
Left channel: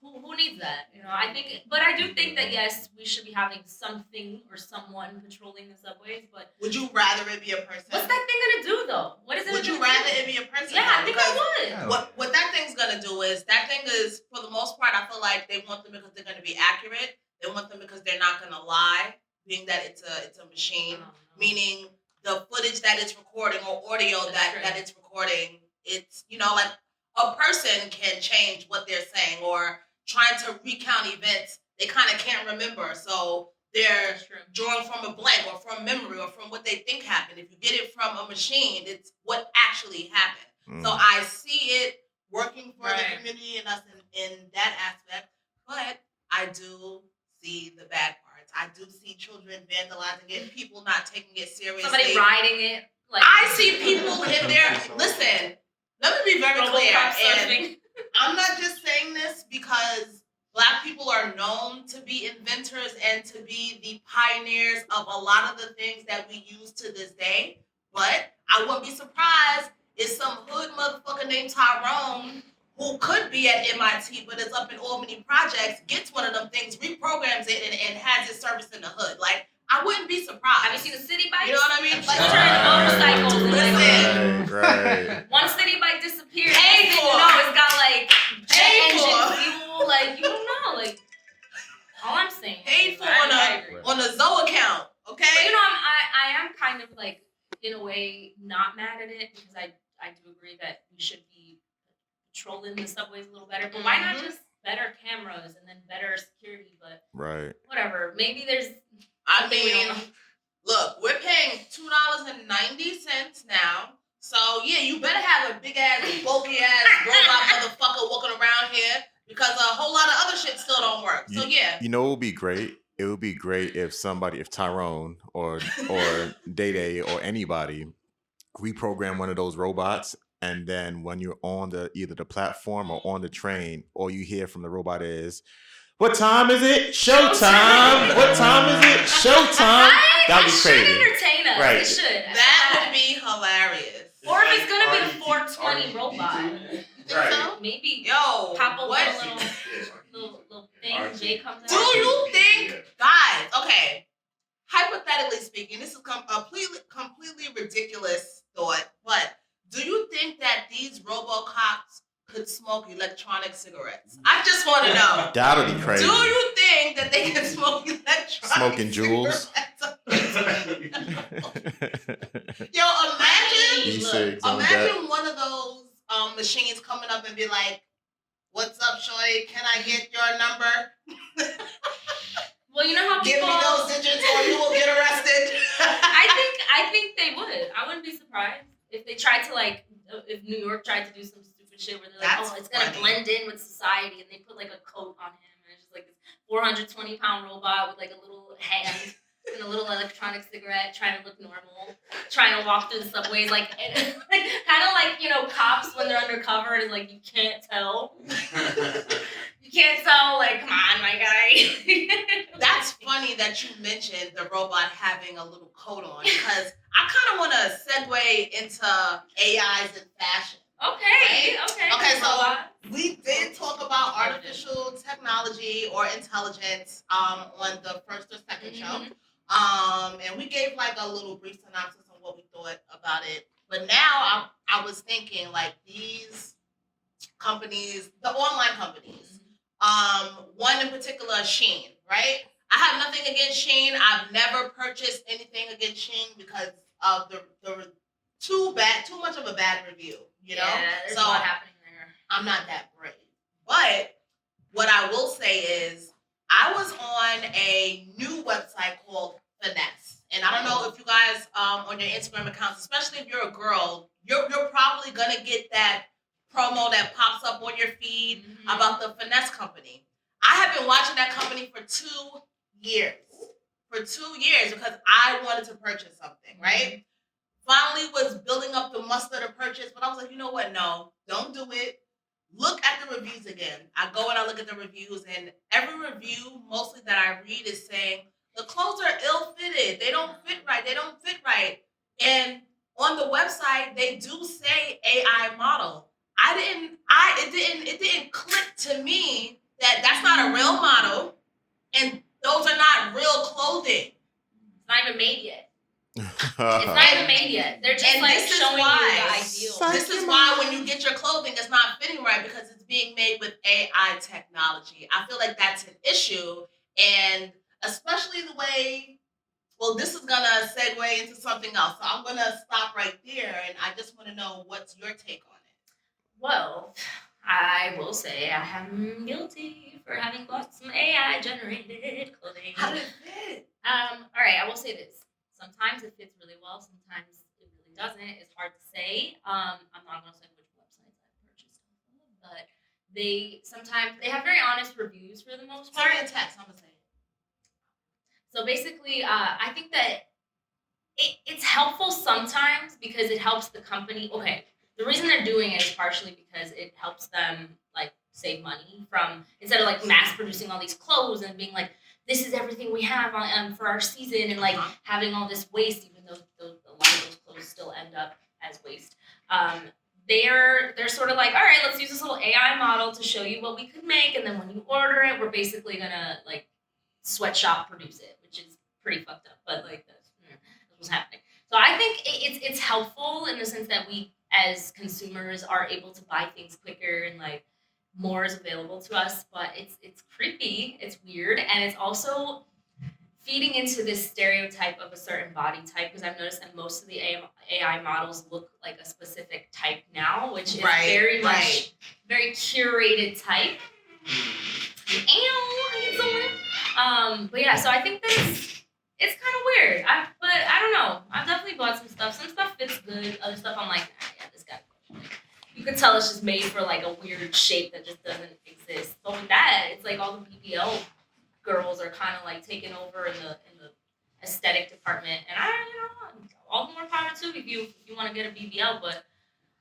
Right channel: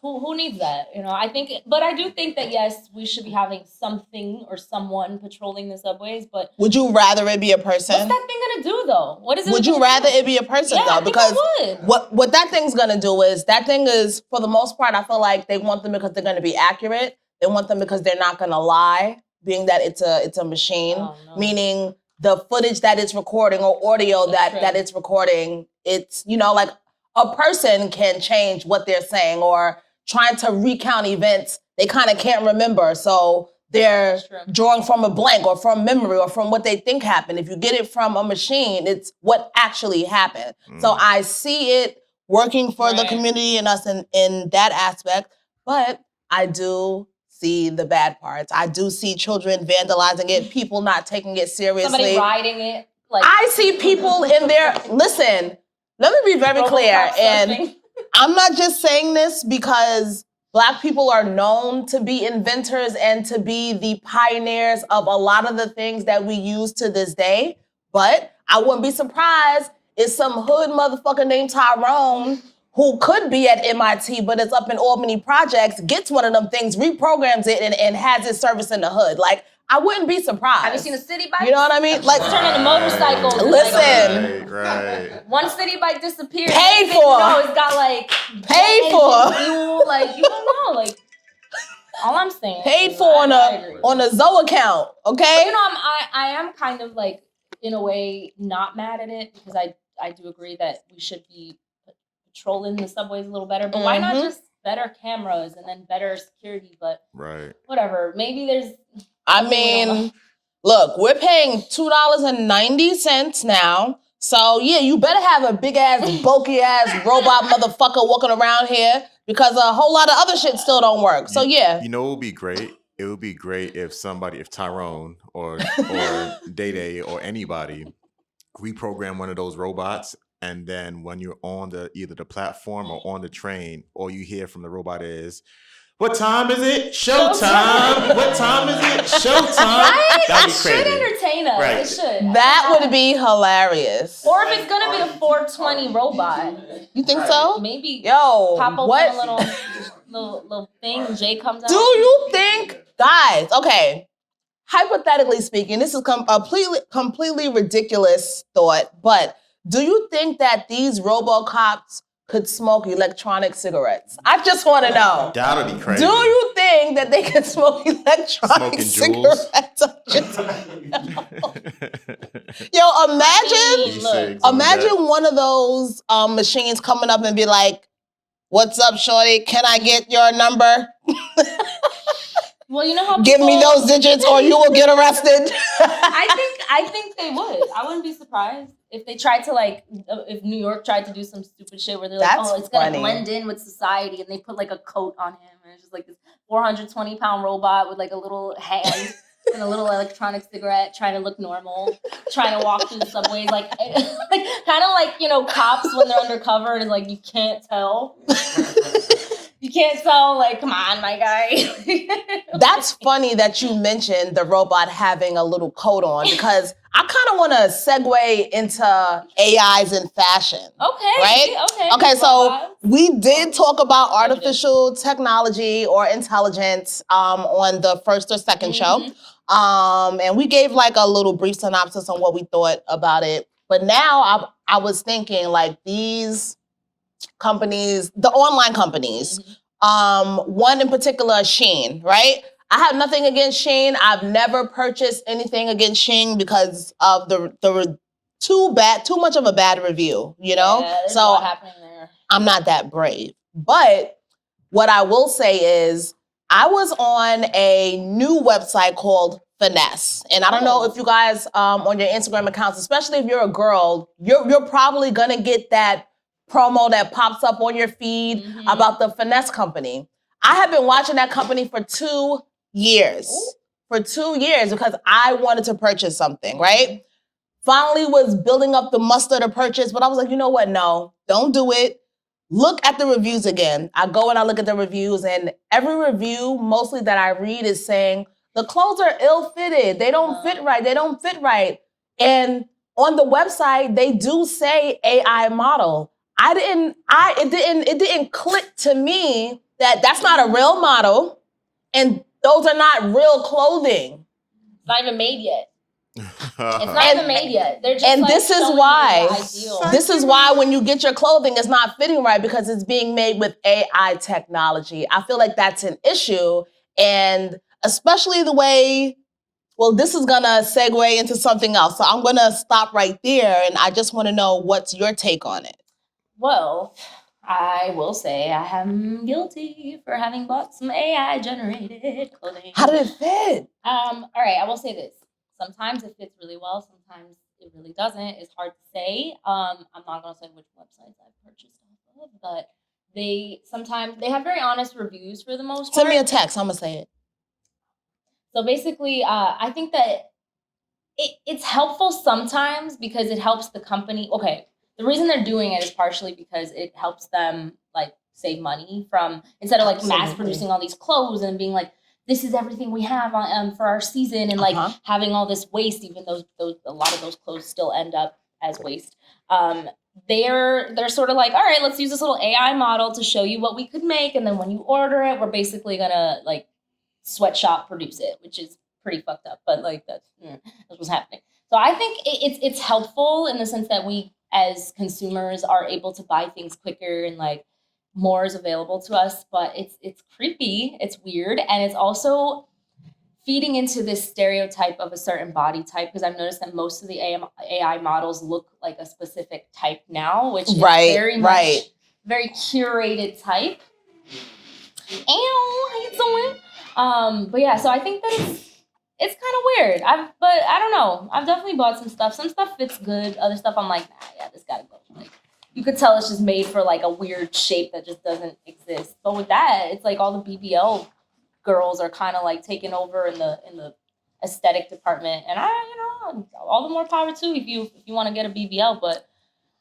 who needs that? I think, but I do think that yes, we should be having something or someone patrolling the subways. But would you rather it be a person? what's that thing gonna do though? What is it? Would you rather it be a person though? I think because I would. what that thing's gonna do is that thing is, for the most part, I feel like they want them because they're gonna be accurate. They want them because they're not gonna lie, being that it's a machine. Oh, no. Meaning the footage that it's recording or audio that it's recording, it's like a person can change what they're saying, or trying to recount events they kind of can't remember. So they're drawing from a blank or from memory or from what they think happened. If you get it from a machine, it's what actually happened. So I see it working for the community and us in that aspect, but I do see the bad parts. I do see children vandalizing it, people not taking it seriously. Somebody riding it. Like I see people in there. Listen, let me be very clear. And I'm not just saying this because Black people are known to be inventors and to be the pioneers of a lot of the things that we use to this day. But I wouldn't be surprised if some hood motherfucker named Tyrone, who could be at MIT, but it's up in Albany Projects, gets one of them things, reprograms it, and has its service in the hood. Like, I wouldn't be surprised. Have you seen a city bike? You know what I mean? Like, turning motorcycles. Listen. Right. One city bike disappeared. Paid for. It's got like Paid jet for. engine fuel. Like you don't know. Like all I'm saying. Paid for on a Zoe account. Okay. But, I am kind of like in a way not mad at it because I do agree that we should be patrolling the subways a little better. But why not just better cameras and then better security? But whatever. Maybe there's. I mean, look, we're paying $2.90 now. So, yeah, you better have a big-ass, bulky-ass robot motherfucker walking around here because a whole lot of other shit still don't work. So, yeah. You know what would be great? It would be great if Tyrone or Day Day or anybody reprogram one of those robots, and then when you're on either the platform or on the train, all you hear from the robot is, "What time is it? Showtime! What time is it? Showtime!" That'd be crazy. It should entertain us. Right. It should. That would be hilarious. Or if it's gonna be a 420 robot. You think so? Maybe. Yo, pop open what? a little thing. And Jay comes out. Do you think, guys? Okay, hypothetically speaking, this is a completely ridiculous thought, but do you think that these Robocops could smoke electronic cigarettes? I just want to know. That'll be crazy. Do you think that they can smoke electronic Smoking jewels? cigarettes? Yo, imagine one of those machines coming up and be like, "What's up, shorty? Can I get your number?" Well, you know how give me those digits or you will get arrested. I think they would. I wouldn't be surprised. if they tried to like, if New York tried to do some stupid shit where they're like, That's oh, it's gonna funny. blend in with society, and they put like a coat on him, and it's just like this 420-pound robot with like a little hand and a little electronic cigarette, trying to look normal, trying to walk through the subways, like kind of like, you know, cops when they're undercover and like you can't tell. You can't tell, like, come on, my guy. That's funny that you mentioned the robot having a little coat on, because I kind of want to segue into AIs in fashion. Okay. Right? Okay, so Robots. we did talk about artificial technology or intelligence on the first or second show. And we gave like a little brief synopsis on what we thought about it. But now I was thinking like these companies, the online companies, one in particular, Shein, right? I have nothing against Shein. I've never purchased anything against Shein because of the too much of a bad review, you know? Yeah, there's so a lot happening there. I'm not that brave. But what I will say is I was on a new website called Finesse. And I don't know if you guys on your Instagram accounts, especially if you're a girl, you're probably gonna get that promo that pops up on your feed about the Finesse company. I have been watching that company for 2 years. For 2 years, because I wanted to purchase something, right? Finally was building up the muster to purchase, but I was like, you know what? No, don't do it. Look at the reviews again. I go and I look at the reviews, and every review, mostly that I read, is saying the clothes are ill-fitted. They don't fit right. They don't fit right. And on the website, they do say AI model. It didn't click to me that that's not a real model, and those are not real clothing. It's not even made yet. It's not even made yet. They're just and like this is showing why you the ideal. this is why when you get your clothing, it's not fitting right because it's being made with AI technology. I feel like that's an issue, and especially the way. Well, this is gonna segue into something else, so I'm gonna stop right there, and I just want to know what's your take on it. Well, I will say I am guilty for having bought some AI-generated clothing. How did it fit? All right, I will say this. Sometimes it fits really well. Sometimes it really doesn't. It's hard to say. I'm not going to say which websites I've purchased off of, but they have very honest reviews for the most part. Send me a text. I'm going to say it. So basically, I think that it's helpful sometimes because it helps the company. Okay, the reason they're doing it is partially because it helps them like save money from instead of like mass producing all these clothes and being like, this is everything we have for our season and like having all this waste, even though a lot of those clothes still end up as waste. They're sort of like, all right, let's use this little AI model to show you what we could make, and then when you order it, we're basically gonna like sweatshop produce it, which is pretty fucked up, but like that's what's happening. So I think it's helpful in the sense that we as consumers are able to buy things quicker and like more is available to us, but it's creepy, it's weird, and it's also feeding into this stereotype of a certain body type, because I've noticed that most of the AI models look like a specific type now, which is very much very curated type. But yeah, so I think that it's kind of weird. But I don't know. I've definitely bought some stuff. Some stuff fits good. Other stuff I'm like, nah, yeah, this gotta go. Like, you could tell it's just made for like a weird shape that just doesn't exist. But with that, it's like all the BBL girls are kind of like taking over in the aesthetic department, and all the more power too if you want to get a BBL. But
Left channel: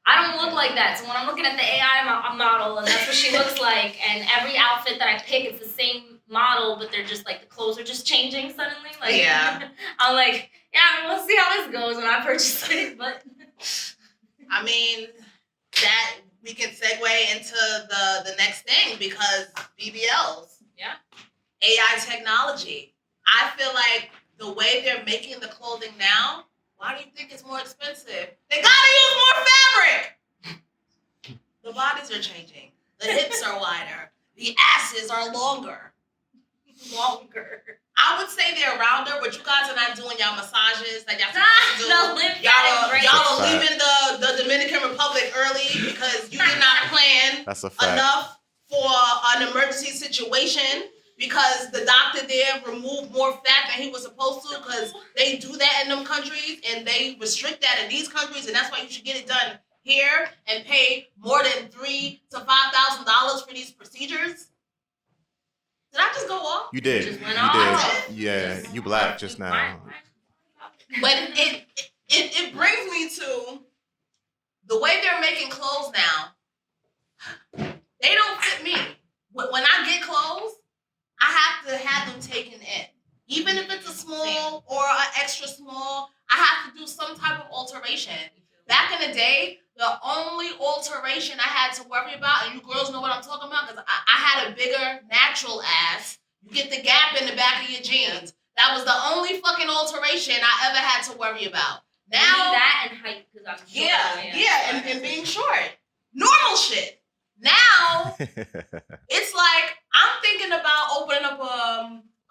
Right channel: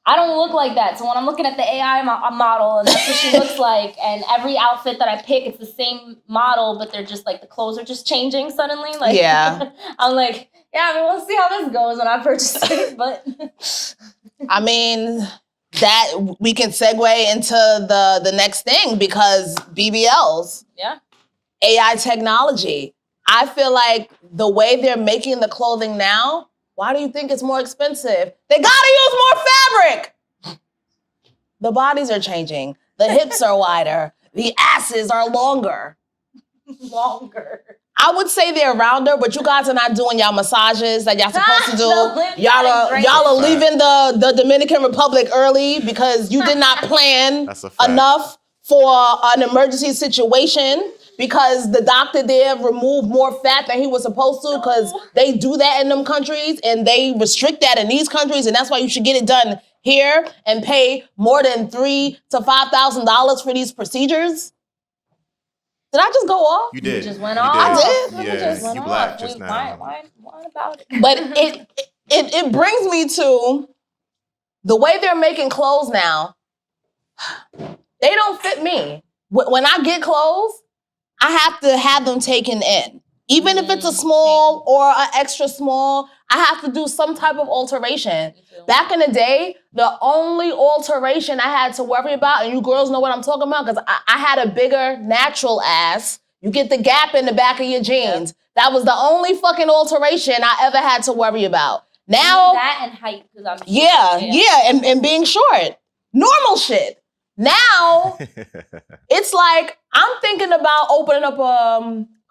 I don't look like that. So when I'm looking at the AI model and that's what she looks like, and every outfit that I pick, it's the same model, but they're just like, the clothes are just changing suddenly. Like, yeah. I'm like, yeah, we'll see how this goes when I purchase it. But I mean, that we can segue into the next thing, because BBLs. Yeah. AI technology. I feel like the way they're making the clothing now, why do you think it's more expensive? They gotta use more fabric. The bodies are changing. The hips are wider. The asses are longer. I would say they're rounder, but you guys are not doing y'all massages that y'all supposed to do. Y'all are leaving the Dominican Republic early because you did not plan enough for an emergency situation. because the doctor there removed more fat than he was supposed to, because they do that in them countries and they restrict that in these countries, and that's why you should get it done here and pay more than $3,000 to $5,000 for these procedures? Did I just go off? You did. Just went you off. did. We Yeah, just went you off. black just now. Why about it? But it brings me to the way they're making clothes now. They don't fit me. When I get clothes, I have to have them taken in. Even if it's a small or an extra small, I have to do some type of alteration. Back in the day, the only alteration I had to worry about, and you girls know what I'm talking about, because I had a bigger natural ass. You get the gap in the back of your jeans. That was the only fucking alteration I ever had to worry about. Now, that and height, because I'm short. Yeah, and being short. Normal shit. Now, it's like, I'm thinking about opening up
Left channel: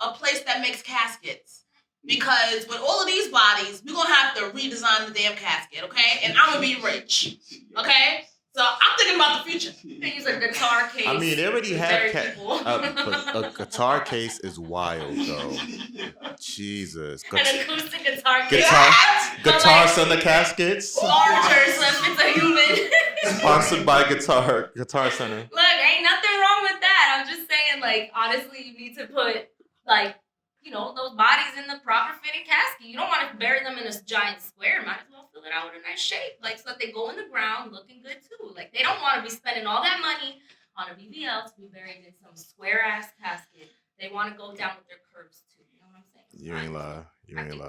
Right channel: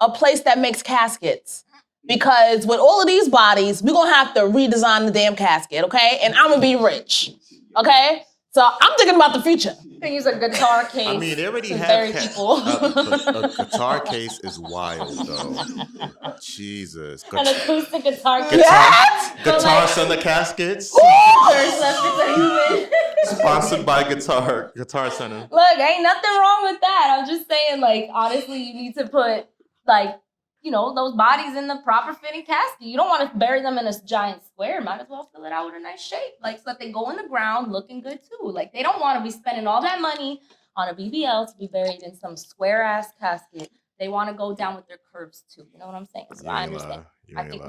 a place that makes caskets. Because with all of these bodies, we're going to have to redesign the damn casket, okay? And I'm going to be rich, okay? So I'm thinking about the future. You can use a guitar case. I mean, they already to have bury people. a guitar case is wild, though. Jesus. An acoustic guitar case. Guitar Center Caskets. It's a human. Sponsored by Guitar Center. Look, ain't nothing wrong with that. I'm just saying, like, honestly, you need to put, like, you know, those bodies in the proper fitting casket. You don't want to bury them in a giant square. Might as well fill it out with a nice shape. Like, so that they go in the ground looking good, too. Like, they don't want to be spending all that money on a BBL to be buried in some square-ass casket. They want to go down with their curves, too. You know what I'm saying? So I understand. I think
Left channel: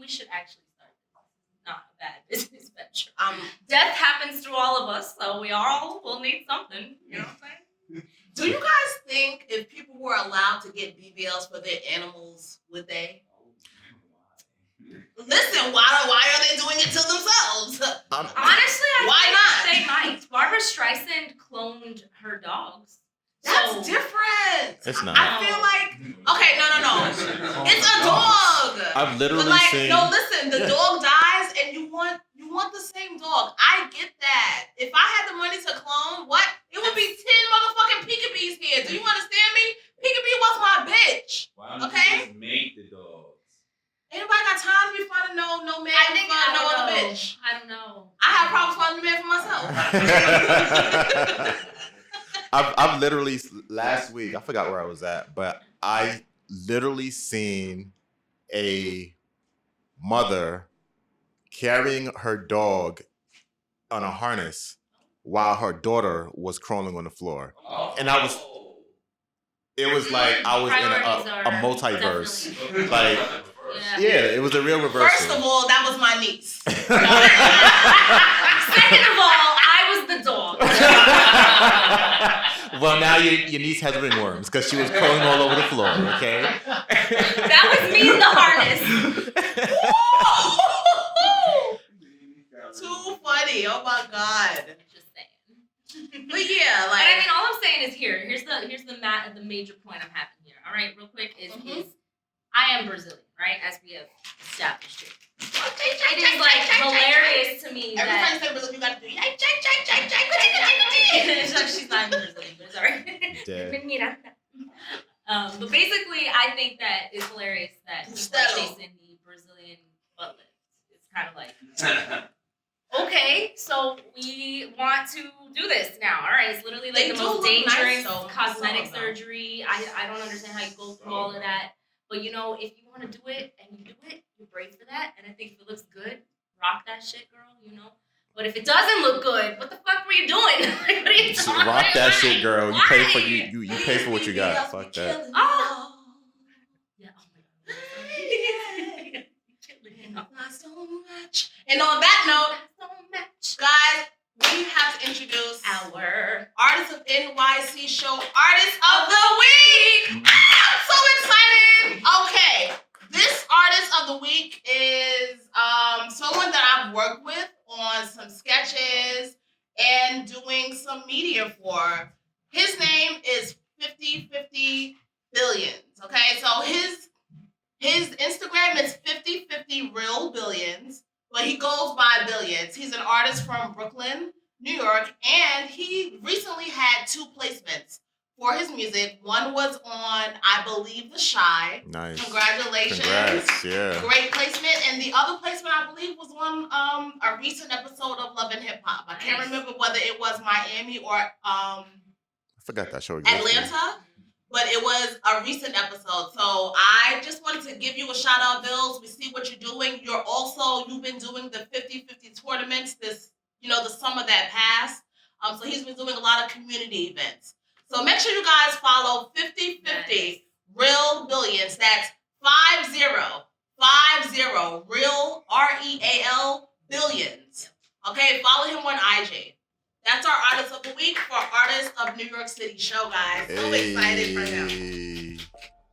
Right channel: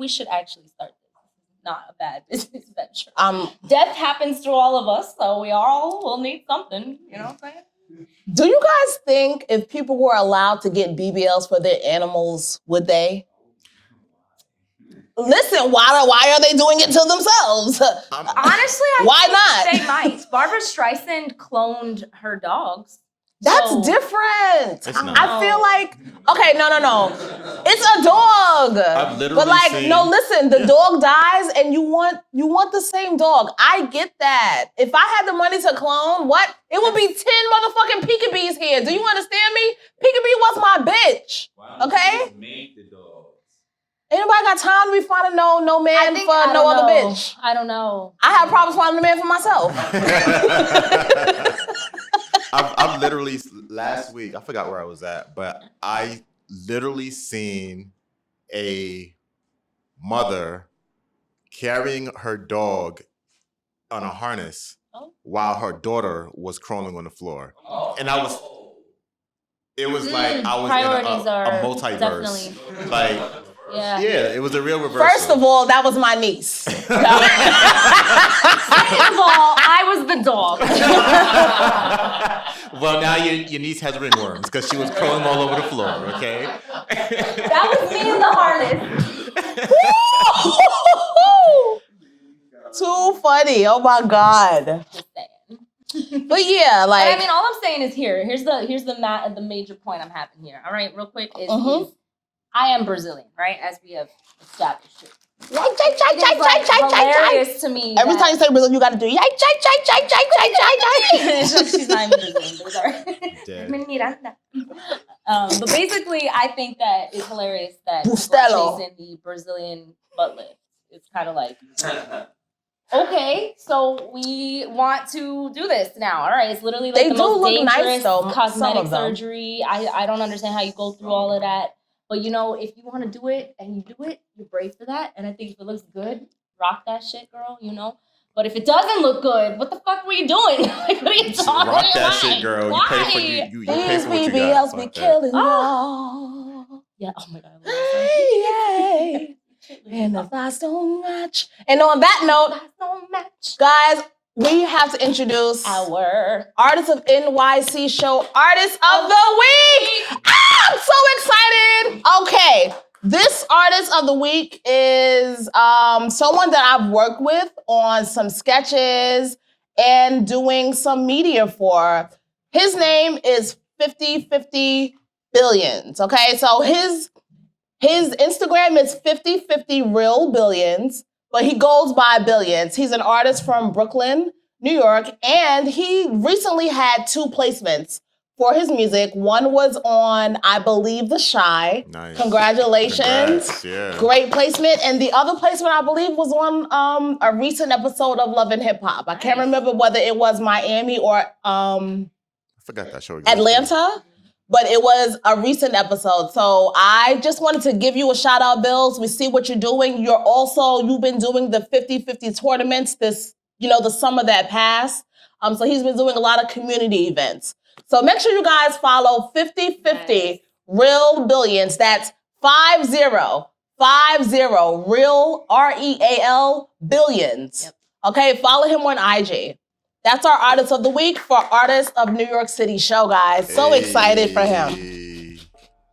we should actually start this. Not a bad business venture. Death happens to all of us, so we all will need something. You know what I'm saying? Do you guys think if people were allowed to get BBLs for their animals, would they? Listen, why are they doing it to themselves? Honestly, why not? They might. Barbara Streisand cloned her dogs. That's different. It's not. I feel like, okay, no. It's a dog. I've literally But like, seen... no, listen, the dog dies and you want the same dog. I get that. If I had the money to clone, what? It would be 10 motherfucking peekabees here. Do you understand me? Peekabee was my bitch. Okay? Make the dogs. Anybody got time to be finding no man for no other bitch? I don't know. I have problems finding a man for myself. I've literally, last week, I forgot where I was at, but I literally seen a mother carrying her dog on a harness while her daughter was crawling on the floor. And it was like I was in a multiverse. Definitely. Like, yeah, it was a real reversal. First of all, that was my niece. Second of all, I was the dog. Well, now your niece has ringworms because she was crawling all over the floor, okay? That was me in the harness. Too funny. Oh my God. Just saying. But yeah, like. But I mean, all I'm saying is here's the major point I'm having here. All right, real quick is I am Brazilian, right? As we have established it. It's hilarious to me. Every time you say Brazilian, you gotta do She's not even Brazilian, but it's all right. But basically, I think that it's hilarious that people are chasing the Brazilian butt lift. It's kind of like, okay, so we want to do this now. All right, it's literally like the most dangerous cosmetic surgery. I don't understand how you go through all of that. But, you know, if you want to do it and you do it, you're brave for that. And I think if it looks good, rock that shit, girl, you know. But if it doesn't look good, what the fuck were you doing? Like, what are you talking about? Rock that shit, girl. You pay for you pay for what you got. Fuck that. Yeah, oh my God. And the thoughts don't match. And on that note, guys, we have to introduce our Artists of NYC show, Artist of the Week. I'm so excited. Okay, this Artist of the Week is someone that I've worked with on some sketches and doing some media for. His name is 50/50 Billions. Okay, so his Instagram is 50/50 Real Billions. But he goes by Billions. He's an artist from Brooklyn, New York, and he recently had 2 placements for his music. One was on, I believe, The Shy. Nice. Congratulations. Congrats, yeah. Great placement. And the other placement, I believe, was on a recent episode of Love and Hip Hop. I can't remember whether it was Miami or I forgot that show existed. Atlanta, but it was a recent episode. So I just wanted to give you a shout out, Bills. We see what you're doing. You've been doing the 50-50 tournaments this, the summer that passed. So he's been doing a lot of community events. So make sure you guys follow 50-50 Real Billions. That's 50 Real REAL Billions. Yep. Okay, follow him on IG. That's our Artist of the Week for Artist of New York City show, guys. So excited for him.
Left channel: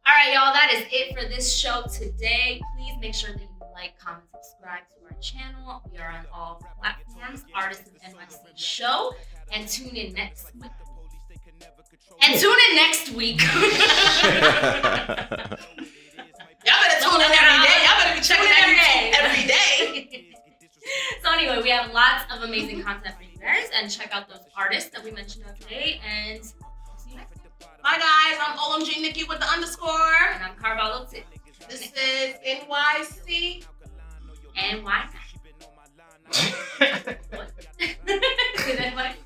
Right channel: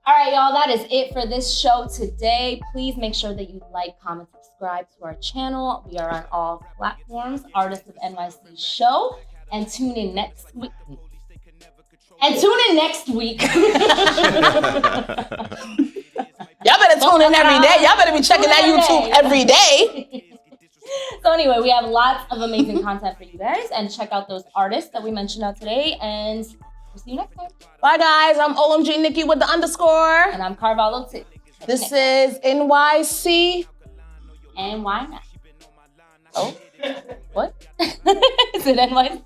All right, y'all, that is it for this show today. Please make sure that you like, comment, subscribe to our channel. We are on all platforms, Artists of NYC Show. And tune in next week. Y'all better tune in every day. Y'all better be checking that YouTube every day. So anyway, we have lots of amazing content for you guys. And check out those artists that we mentioned out today. And we'll see you next time. Bye, guys. I'm OMG Niki with the _. And I'm Carvalho too. This is NYC. And why not? What? Is it NYC?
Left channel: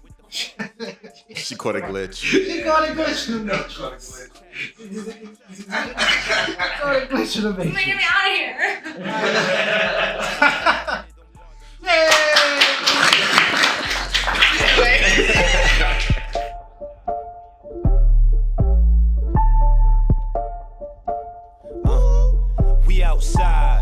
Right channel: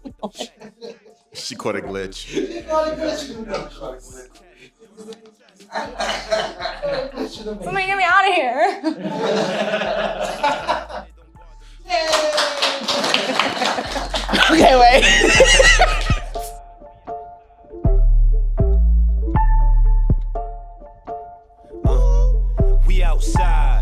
She caught a glitch. She got a glitch. Somebody get me out of here. Okay, wait. We outside.